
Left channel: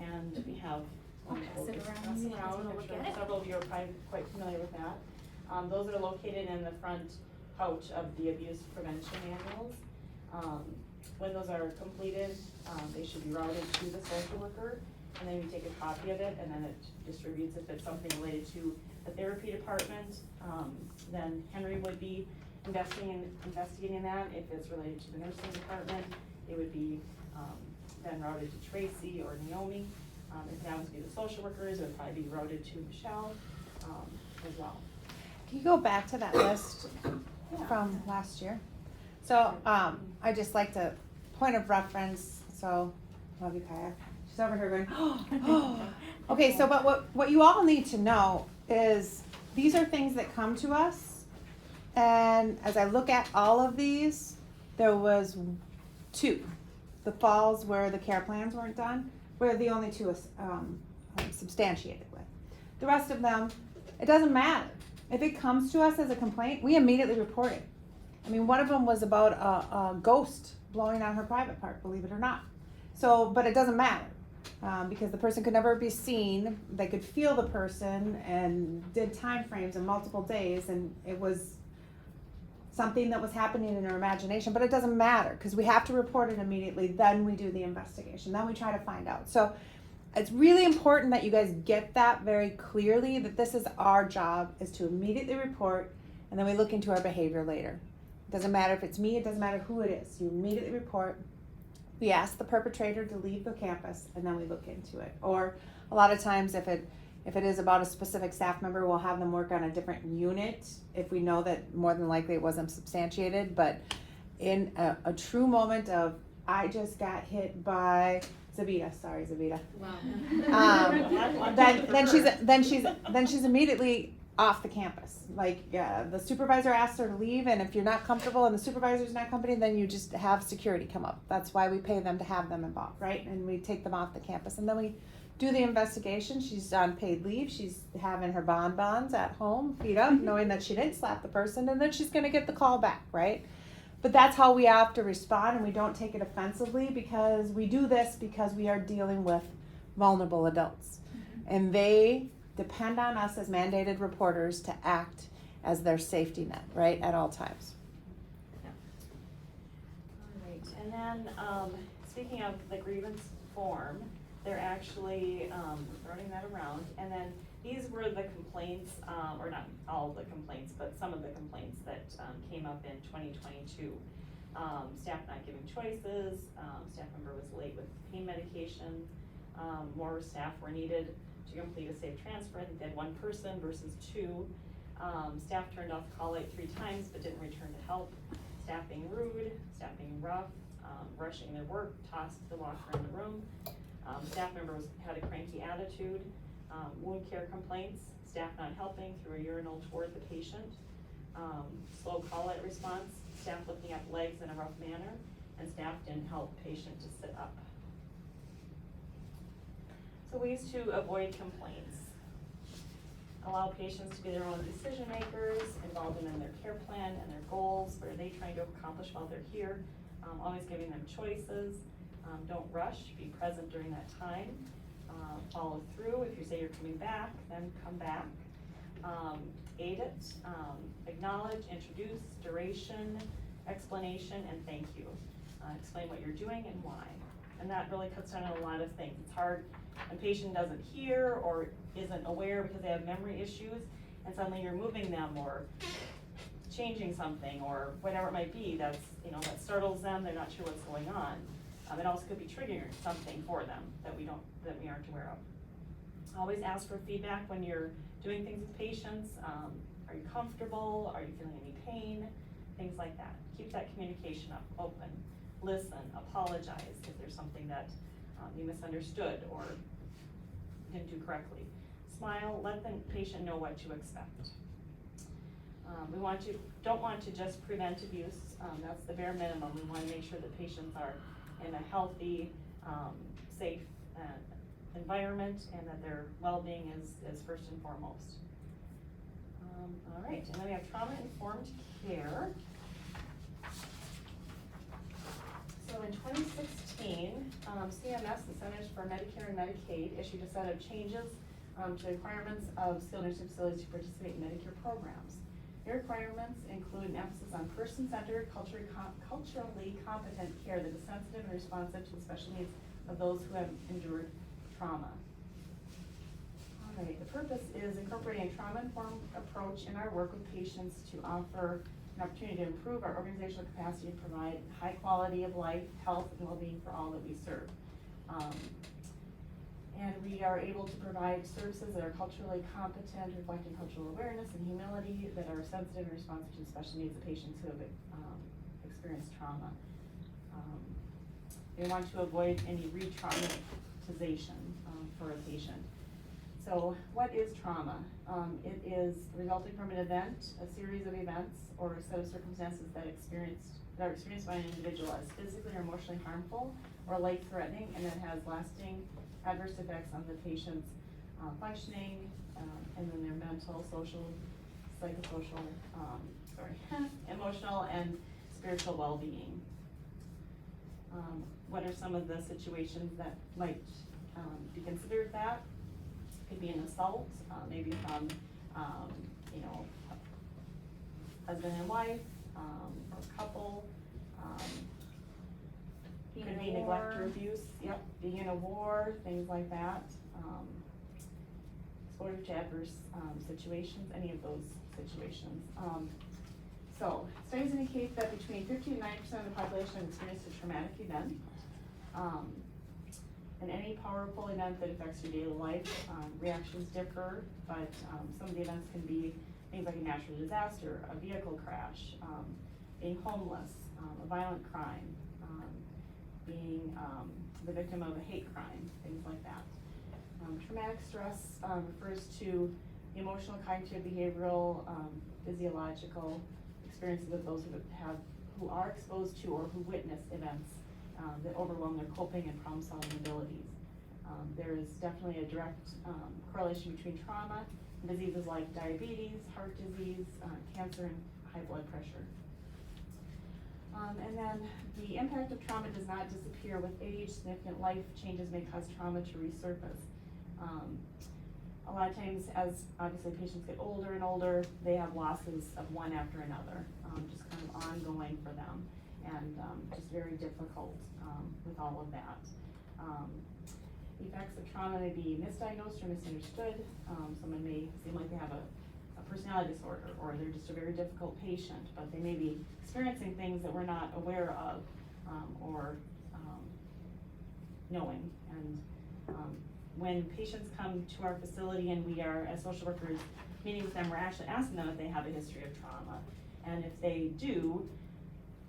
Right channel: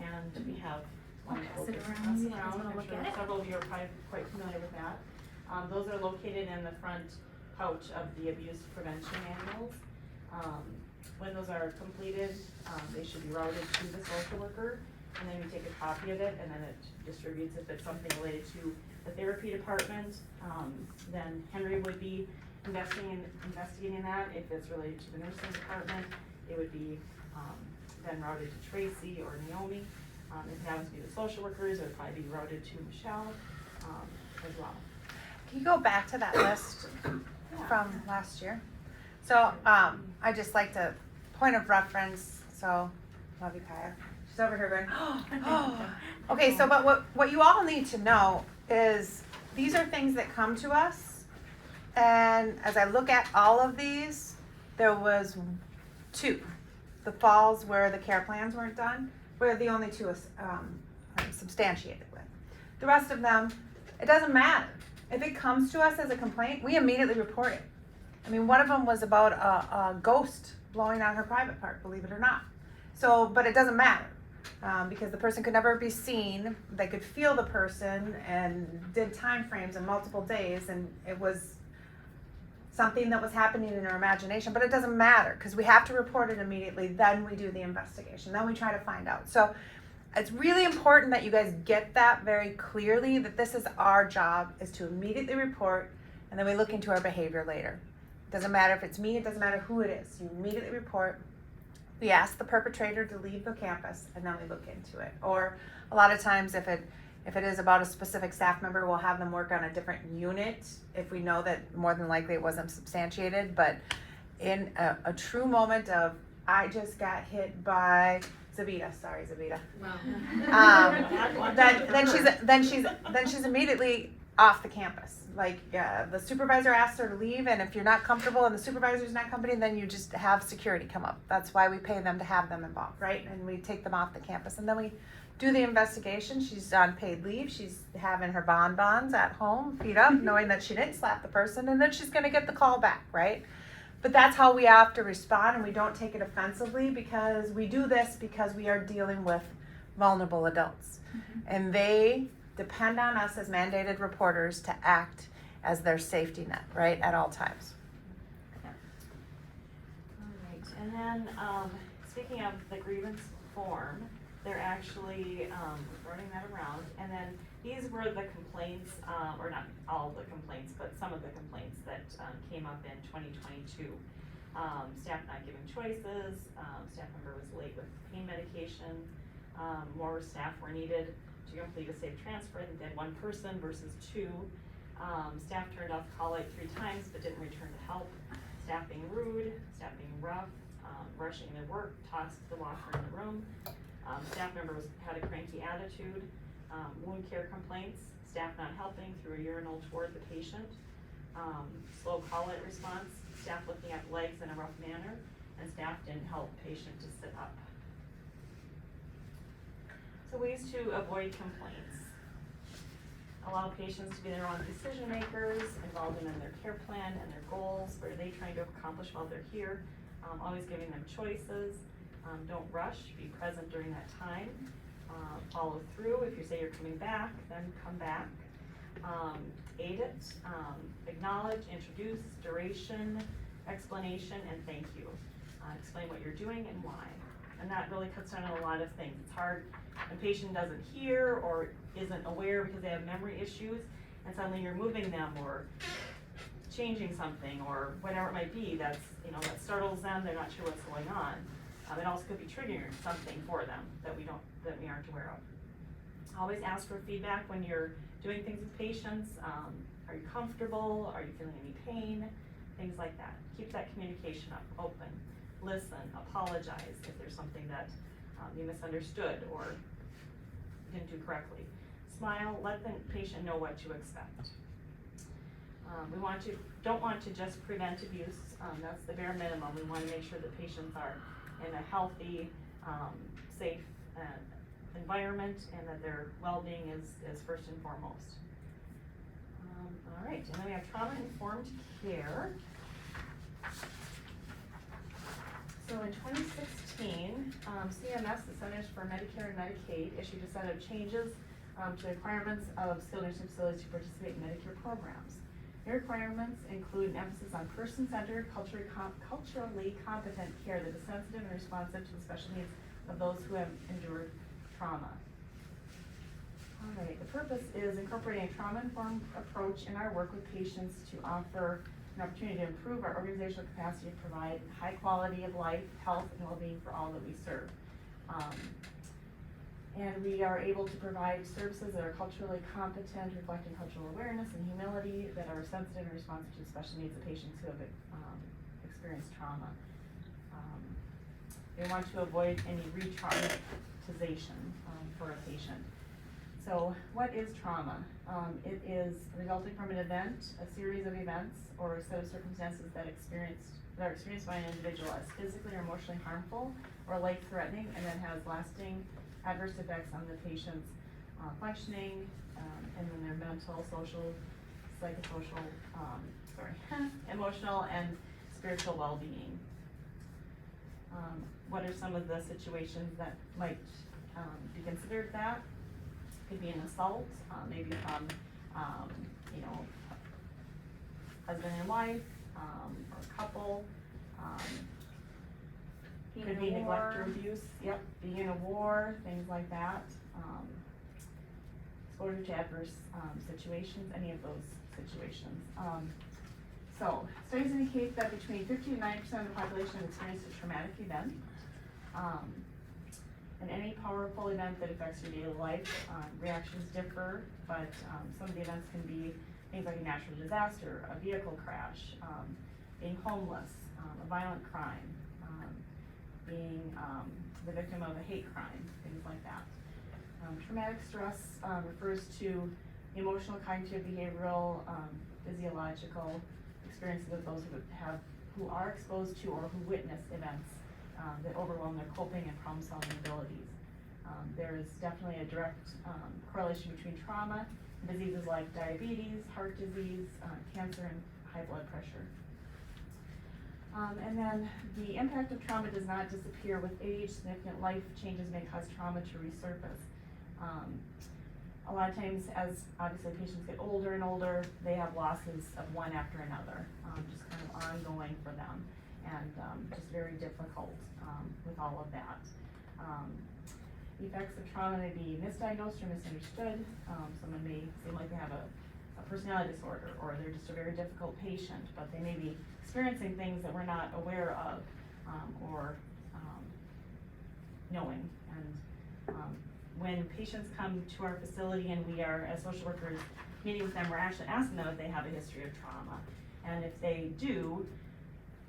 and we have one that we'll just pass around. I'm sure several of you are probably quite familiar with that. Those are located in the front pouch of the abuse prevention manuals. When those are completed, they should be routed to the social worker, and then you take a copy of it, and then it distributes. If it's something related to the therapy department, then Henry would be investigating that. If it's related to the nursing department, it would be then routed to Tracy or Naomi. If it happens to be the social workers, it would probably be routed to Michelle as well. Can you go back to that list from last year? So I just like to, point of reference, so, love you, Kaya. She's over here going, oh. Okay, so but what you all need to know is these are things that come to us, and as I look at all of these, there was 2. The falls where the care plans weren't done were the only 2 substantiated with. The rest of them, it doesn't matter. If it comes to us as a complaint, we immediately report it. I mean, one of them was about a ghost blowing on her private part, believe it or not. So, but it doesn't matter, because the person could never be seen, they could feel the person, and did time frames in multiple days, and it was something that was happening in her imagination, but it doesn't matter, because we have to report it immediately, then we do the investigation, then we try to find out. So it's really important that you guys get that very clearly, that this is our job, is to immediately report, and then we look into our behavior later. It doesn't matter if it's me, it doesn't matter who it is, you immediately report. We ask the perpetrator to leave the campus, and then we look into it. Or a lot of times if it is about a specific staff member, we'll have them work on a different unit if we know that more than likely it wasn't substantiated. But in a true moment of, I just got hit by Zabita, sorry Zabita. Then she's immediately off the campus. Like, the supervisor asked her to leave, and if you're not comfortable and the supervisor's not comfortable, then you just have security come up. That's why we pay them to have them involved, right? And we take them off the campus, and then we do the investigation. She's on paid leave. She's having her bonbons at home, feet up, knowing that she didn't slap the person, and then she's gonna get the call back, right? But that's how we have to respond, and we don't take it offensively, because we do this because we are dealing with vulnerable adults. And they depend on us as mandated reporters to act as their safety net, right, at all times. All right, and then, speaking of the grievance form, they're actually, running that around, and then these were the complaints, or not all of the complaints, but some of the complaints that, came up in 2022. Staff not giving choices, staff member was late with pain medication, more staff were needed to complete a safe transfer. I think they had one person versus two. Staff turned off call light 3 times but didn't return to help. Staff being rude, staff being rough, rushing their work, tossed the locker in the room. Staff member had a cranky attitude. Wound care complaints, staff not helping through a urinal toward the patient. Slow call light response, staff looking at legs in a rough manner, and staff didn't help patient to sit up. So ways to avoid complaints. Allow patients to be their own decision makers, involve them in their care plan and their goals, what are they trying to accomplish while they're here, always giving them choices. Don't rush, be present during that time. Follow through, if you say you're coming back, then come back. Aid it, acknowledge, introduce, duration, explanation, and thank you. Explain what you're doing and why. And that really cuts down on a lot of things. It's hard when a patient doesn't hear or isn't aware because they have memory issues, and suddenly you're moving them or changing something or whatever it might be that startles them, they're not sure what's going on. It also could be triggering something for them that we aren't aware of. Always ask for feedback when you're doing things with patients. Are you comfortable? Are you feeling any pain? Things like that. Keep that communication up, open. Listen, apologize if there's something that you misunderstood or didn't do correctly. Smile, let the patient know what to expect. We don't want to just prevent abuse. That's the bare minimum. We want to make sure that patients are in a healthy, safe environment, and that their well-being is first and foremost. All right, and then we have trauma-informed care. So in 2016, CMS, the Centers for Medicare and Medicaid, issued a set of changes to the requirements of skilled nursing facilities to participate in Medicare programs. The requirements include an emphasis on person-centered, culturally competent care that is sensitive and responsive to the special needs of those who have endured trauma. All right, the purpose is incorporating a trauma-informed approach in our work with patients to offer an opportunity to improve our organizational capacity to provide high quality of life, health, and well-being for all that we serve. And we are able to provide services that are culturally competent, reflecting cultural awareness and humility, that are sensitive and responsive to the special needs of patients who have experienced trauma. We want to avoid any re-traumatization for a patient. So what is trauma? It is resulting from an event, a series of events, or a set of circumstances that are experienced by an individual as physically or emotionally harmful or life-threatening, and that has lasting adverse effects on the patient's functioning, and then their mental, social, psychosocial, emotional and spiritual well-being. What are some of the situations that might be considered that? Could be an assault, maybe from, you know, husband and wife, or couple. Being Could in be a neglect or war. abuse, yep, being in a war, things like that. Exposure to adverse, situations, any of those situations. So, studies indicate that between 50 and 90% of the population have experienced a traumatic event. And any powerful event that affects your daily life, reactions differ, but some of the events can be things like a natural disaster, a vehicle crash, being homeless, a violent crime, being the victim of a hate crime, things like that. Traumatic stress refers to emotional, cognitive, behavioral, physiological experiences of those who are exposed to or who witness events that overwhelm their coping and problem-solving abilities. There is definitely a direct correlation between trauma and diseases like diabetes, heart disease, cancer, and high blood pressure. And then the impact of trauma does not disappear with age. Significant life changes may cause trauma to resurface. A lot of times, as obviously patients get older and older, they have losses of one after another, just kind of ongoing for them, and just very difficult with all of that. The effects of trauma may be misdiagnosed or misunderstood. Someone may seem like they have a personality disorder, or they're just a very difficult patient, but they may be experiencing things that we're not aware of or knowing. And when patients come to our facility and we are, as social workers, meeting with them, we're actually asking them if they have a history of trauma. And if they do,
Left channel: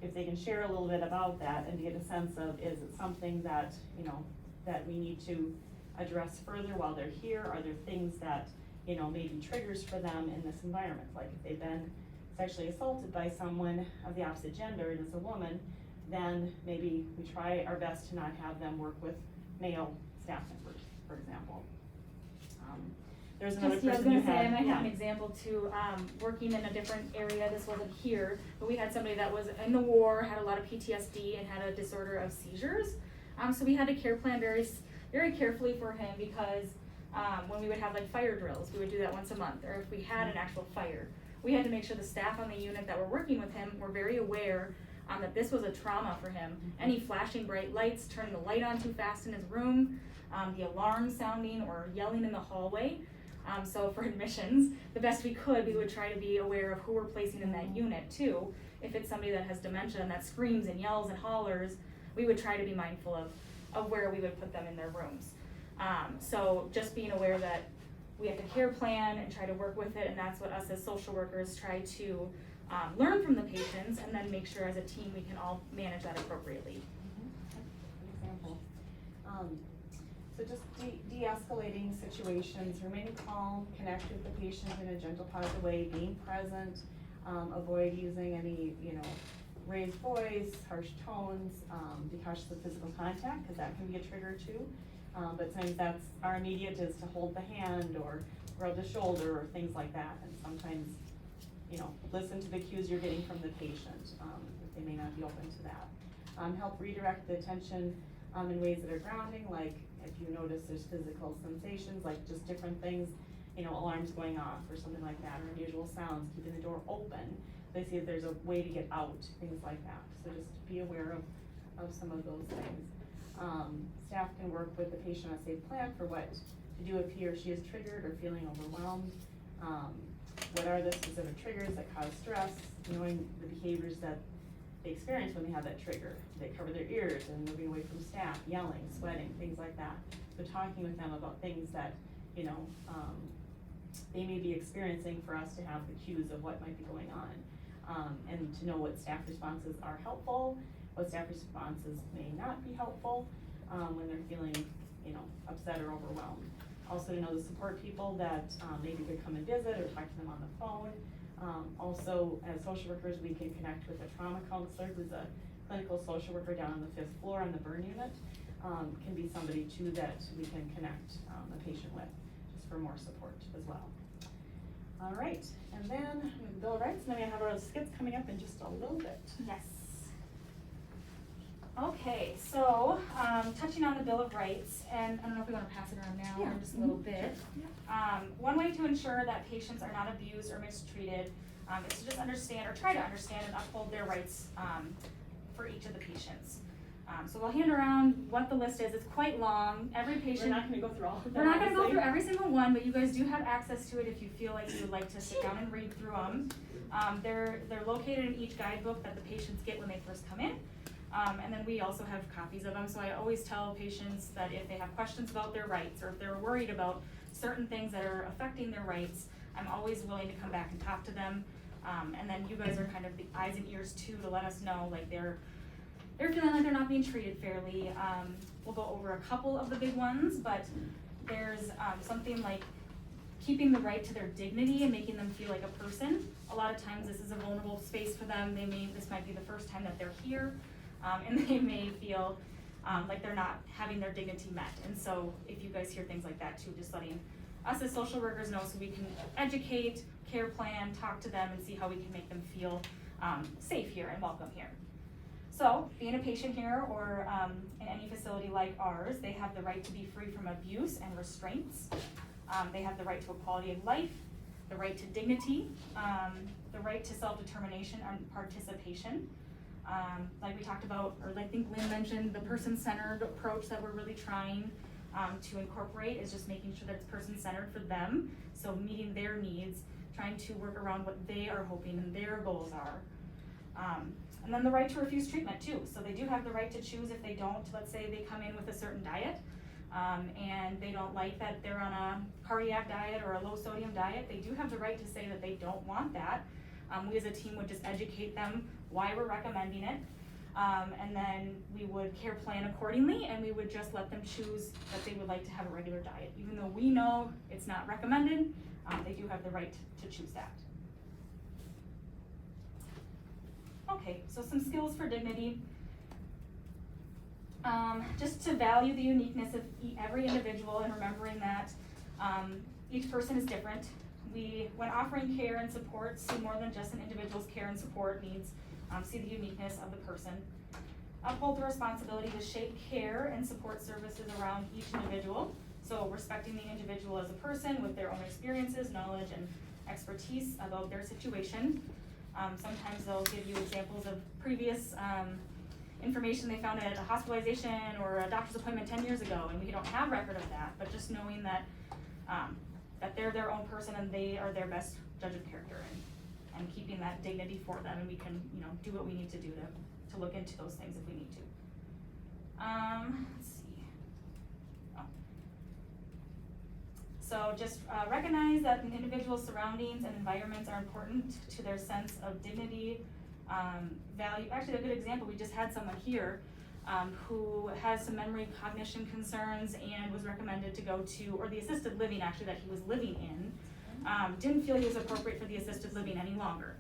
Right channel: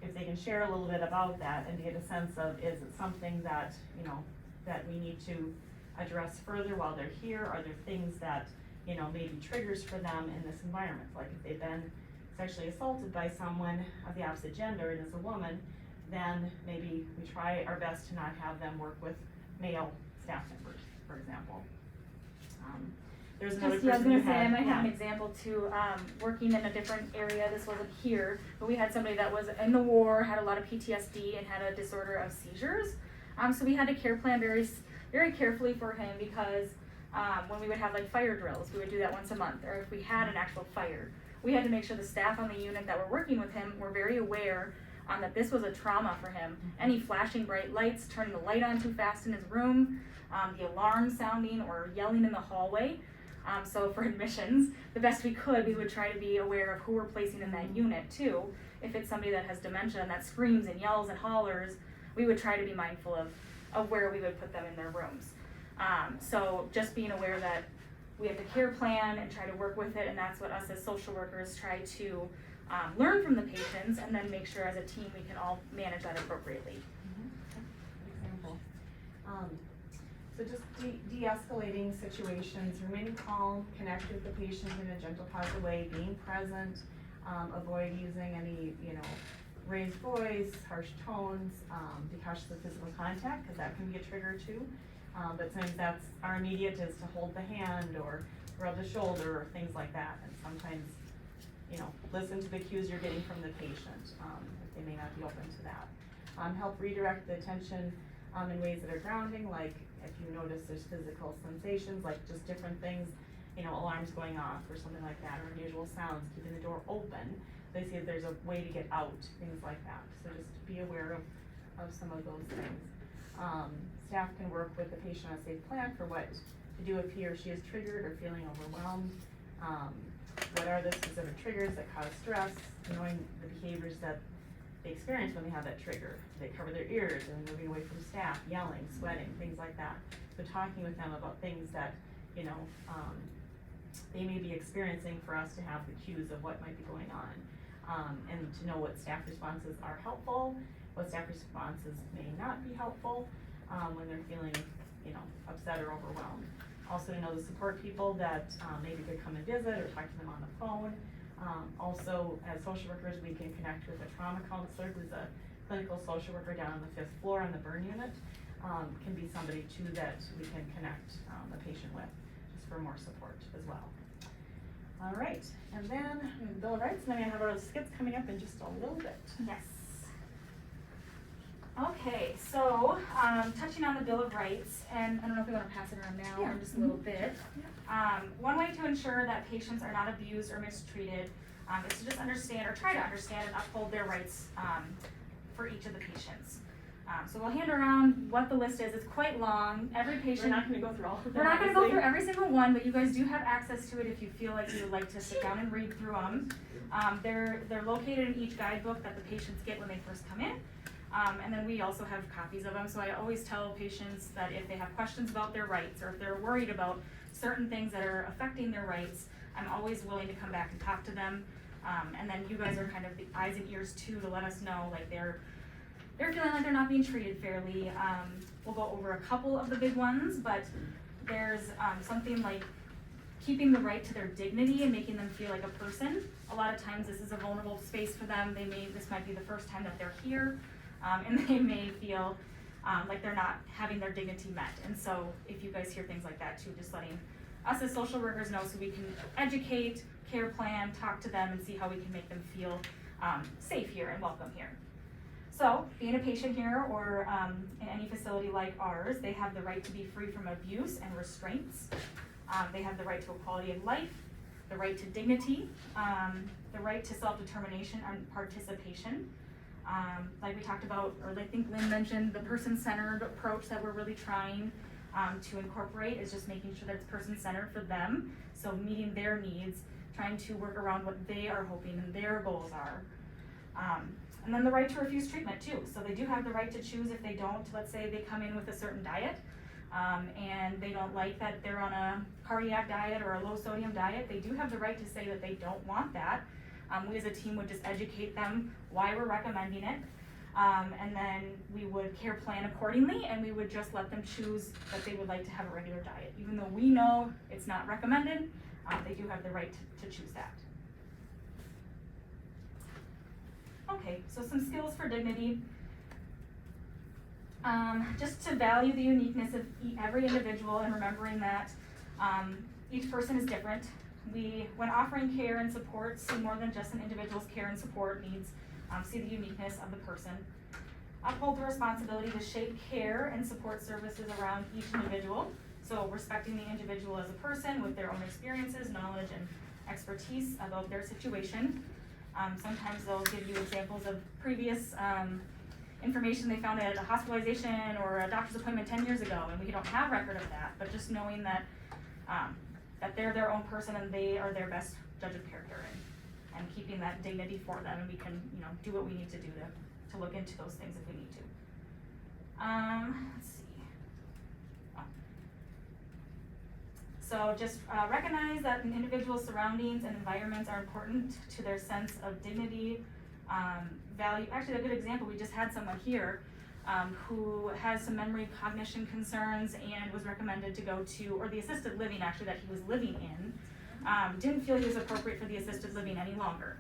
if they can share a little bit about that and to get a sense of, is it something that, you know, that we need to address further while they're here? Are there things that, you know, maybe triggers for them in this environment? Like if they've been sexually assaulted by someone of the opposite gender and it's a woman, then maybe we try our best to not have them work with male staff members, for example. There's another Just, yeah, I was person gonna who say, I might yeah. have an example too, working in a different area, this wasn't here, but we had somebody that was in the war, had a lot of PTSD, and had a disorder of seizures. So we had to care plan very carefully for him, because when we would have like fire drills, we would do that once a month, or if we had an actual fire, we had to make sure the staff on the unit that were working with him were very aware that this was a trauma for him. Any flashing bright lights, turning the light on too fast in his room, the alarm sounding or yelling in the hallway. So for admissions, the best we could, we would try to be aware of who we're placing in that unit too. If it's somebody that has dementia and that screams and yells and hollers, we would try to be mindful of where we would put them in their rooms. So just being aware that we have to care plan and try to work with it, and that's what us as social workers try to learn from the patients, and then make sure as a team we can all manage that appropriately. Good example. So just de-escalating situations, remaining calm, connect with the patient in a gentle, positive way, being present, avoid using any, you know, raised voice, harsh tones, be cautious of physical contact, because that can be a trigger too. But sometimes that's our immediate is to hold the hand or rub the shoulder or things like that. And sometimes, you know, listen to the cues you're getting from the patient, if they may not be open to that. Help redirect the attention in ways that are grounding, like if you notice there's physical sensations, like just different things, you know, alarms going off or something like that, or unusual sounds, keeping the door open. They see if there's a way to get out, things like that. So just be aware of some of those things. Staff can work with the patient on a safe plan for what to do if he or she is triggered or feeling overwhelmed. What are the specific triggers that cause stress, knowing the behaviors that they experience when they have that trigger. They cover their ears and moving away from staff, yelling, sweating, things like that. So talking with them about things that, you know, they may be experiencing for us to have the cues of what might be going on. And to know what staff responses are helpful, what staff responses may not be helpful when they're feeling, you know, upset or overwhelmed. Also to know the support people that maybe could come and visit or talk to them on the phone. Also, as social workers, we can connect with a trauma counselor who's a clinical social worker down on the 5th floor on the burn unit. Can be somebody too that we can connect the patient with, just for more support as well. All right, and then Bill of Rights, and then we have our skits coming up in just a little bit. Yes. Okay, so, touching on the Bill of Rights, and I don't know if we wanna pass it around now or Yeah. in just a little bit. One way to ensure that patients are not abused or mistreated, is to just understand, or try to understand and uphold their rights, for each of the patients. So we'll hand around what the list is, it's quite long, every We're patient. not gonna go through all of them. We're not gonna go obviously. through every single one, but you guys do have access to it if you feel like you would like to sit down and read through them. They're located in each guidebook that the patients get when they first come in. And then we also have copies of them, so I always tell patients that if they have questions about their rights, or if they're worried about certain things that are affecting their rights, I'm always willing to come back and talk to them. And then you guys are kind of the eyes and ears too, to let us know, like, they're feeling like they're not being treated fairly. We'll go over a couple of the big ones, but there's, something like keeping the right to their dignity and making them feel like a person. A lot of times this is a vulnerable space for them, this might be the first time that they're here, and they may feel, like they're not having their dignity met. And so if you guys hear things like that too, just letting us as social workers know so we can educate, care plan, talk to them, and see how we can make them feel, safe here and welcome here. So, being a patient here or in any facility like ours, they have the right to be free from abuse and restraints. They have the right to equality of life, the right to dignity, the right to self-determination and participation. Like we talked about, or I think Lynn mentioned, the person-centered approach that we're really trying to incorporate is just making sure that it's person-centered for them. So meeting their needs, trying to work around what they are hoping and their goals are. And then the right to refuse treatment too. So they do have the right to choose if they don't, let's say they come in with a certain diet, and they don't like that they're on a cardiac diet or a low sodium diet, they do have the right to say that they don't want that. We as a team would just educate them why we're recommending it. And then we would care plan accordingly, and we would just let them choose that they would like to have a regular diet. Even though we know it's not recommended, they do have the right to choose that. Okay, so some skills for dignity. Just to value the uniqueness of every individual and remembering that each person is different. We, when offering care and support, see more than just an individual's care and support needs, see the uniqueness of the person. Uphold the responsibility to shape care and support services around each individual. So respecting the individual as a person with their own experiences, knowledge, and expertise about their situation. Sometimes they'll give you examples of previous information they found at a hospitalization or a doctor's appointment 10 years ago, and we don't have record of that, but just knowing that that they're their own person and they are their best judge of character, and keeping that dignity for them, and we can, do what we need to do to look into those things if we need to. Let's see. So just recognize that an individual's surroundings and environments are important to their sense of dignity, value. Actually, a good example, we just had someone here who has some memory cognition concerns and was recommended to go to, or the assisted living actually that he was living in, didn't feel he was appropriate for the assisted living any longer.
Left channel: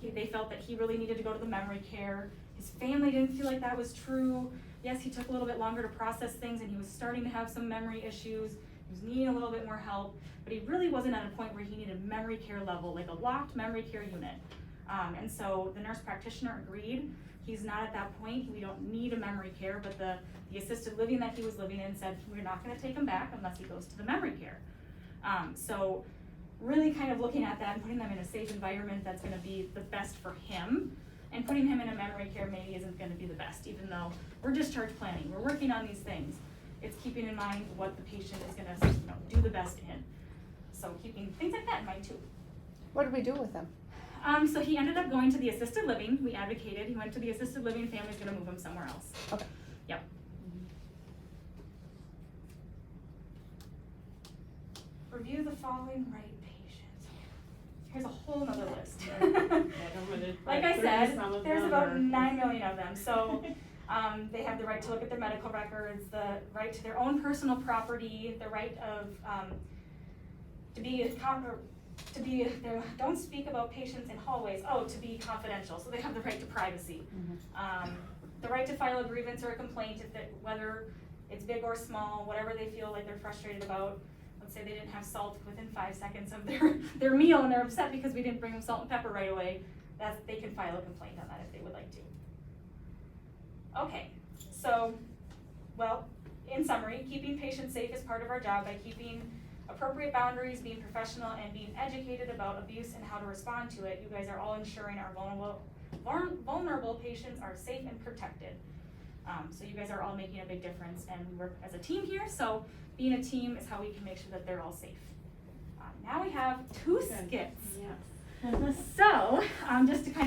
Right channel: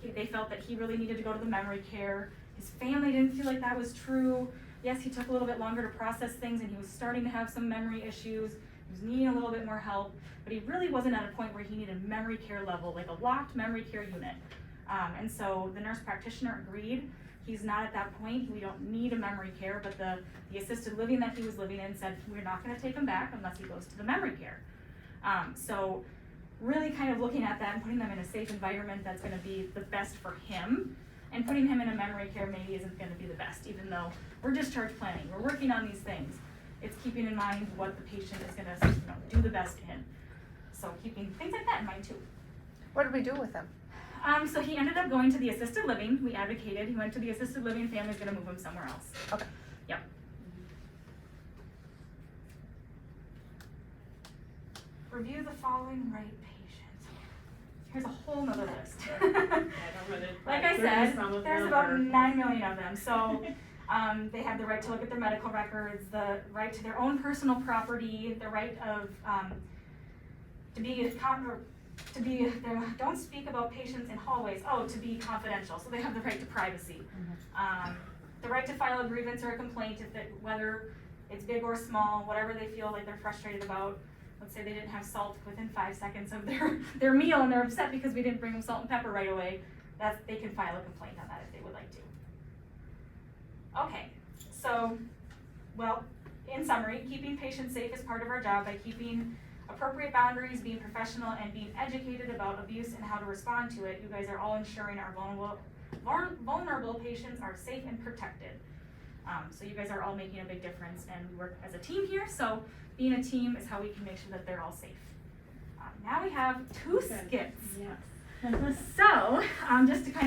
They felt that he really needed to go to the memory care. His family didn't feel like that was true. Yes, he took a little bit longer to process things and he was starting to have some memory issues. He was needing a little bit more help, but he really wasn't at a point where he needed memory care level, like a locked memory care unit. And so the nurse practitioner agreed. He's not at that point. We don't need a memory care, but the assisted living that he was living in said, we're not gonna take him back unless he goes to the memory care. So really kind of looking at that and putting them in a safe environment that's gonna be the best for him, and putting him in a memory care maybe isn't gonna be the best, even though we're discharge planning, we're working on these things. It's keeping in mind what the patient is gonna do the best in. So keeping things like that in mind too. What did we do with him? So he ended up going to the assisted living. We advocated. He went to the assisted living. Family's gonna move him somewhere else. Okay. Yep. Review the following right patients. Here's a whole nother list. Like I said, there's about 9 million of them. So they have the right to look at their medical records, the right to their own personal property, the right of don't speak about patients in hallways, to be confidential, so they have the right to privacy. The right to file a grievance or a complaint, whether it's big or small, whatever they feel like they're frustrated about, let's say they didn't have salt within 5 seconds of their meal and they're upset because we didn't bring them salt and pepper right away, they can file a complaint on that if they would like to. Okay, so, well, in summary, keeping patients safe is part of our job by keeping appropriate boundaries, being professional, and being educated about abuse and how to respond to it. You guys are all ensuring our vulnerable patients are safe and protected. So you guys are all making a big difference, and we work as a team here, so being a team is how we can make sure that they're all safe. Now we have 2 skits. Yeah. So, just to kind of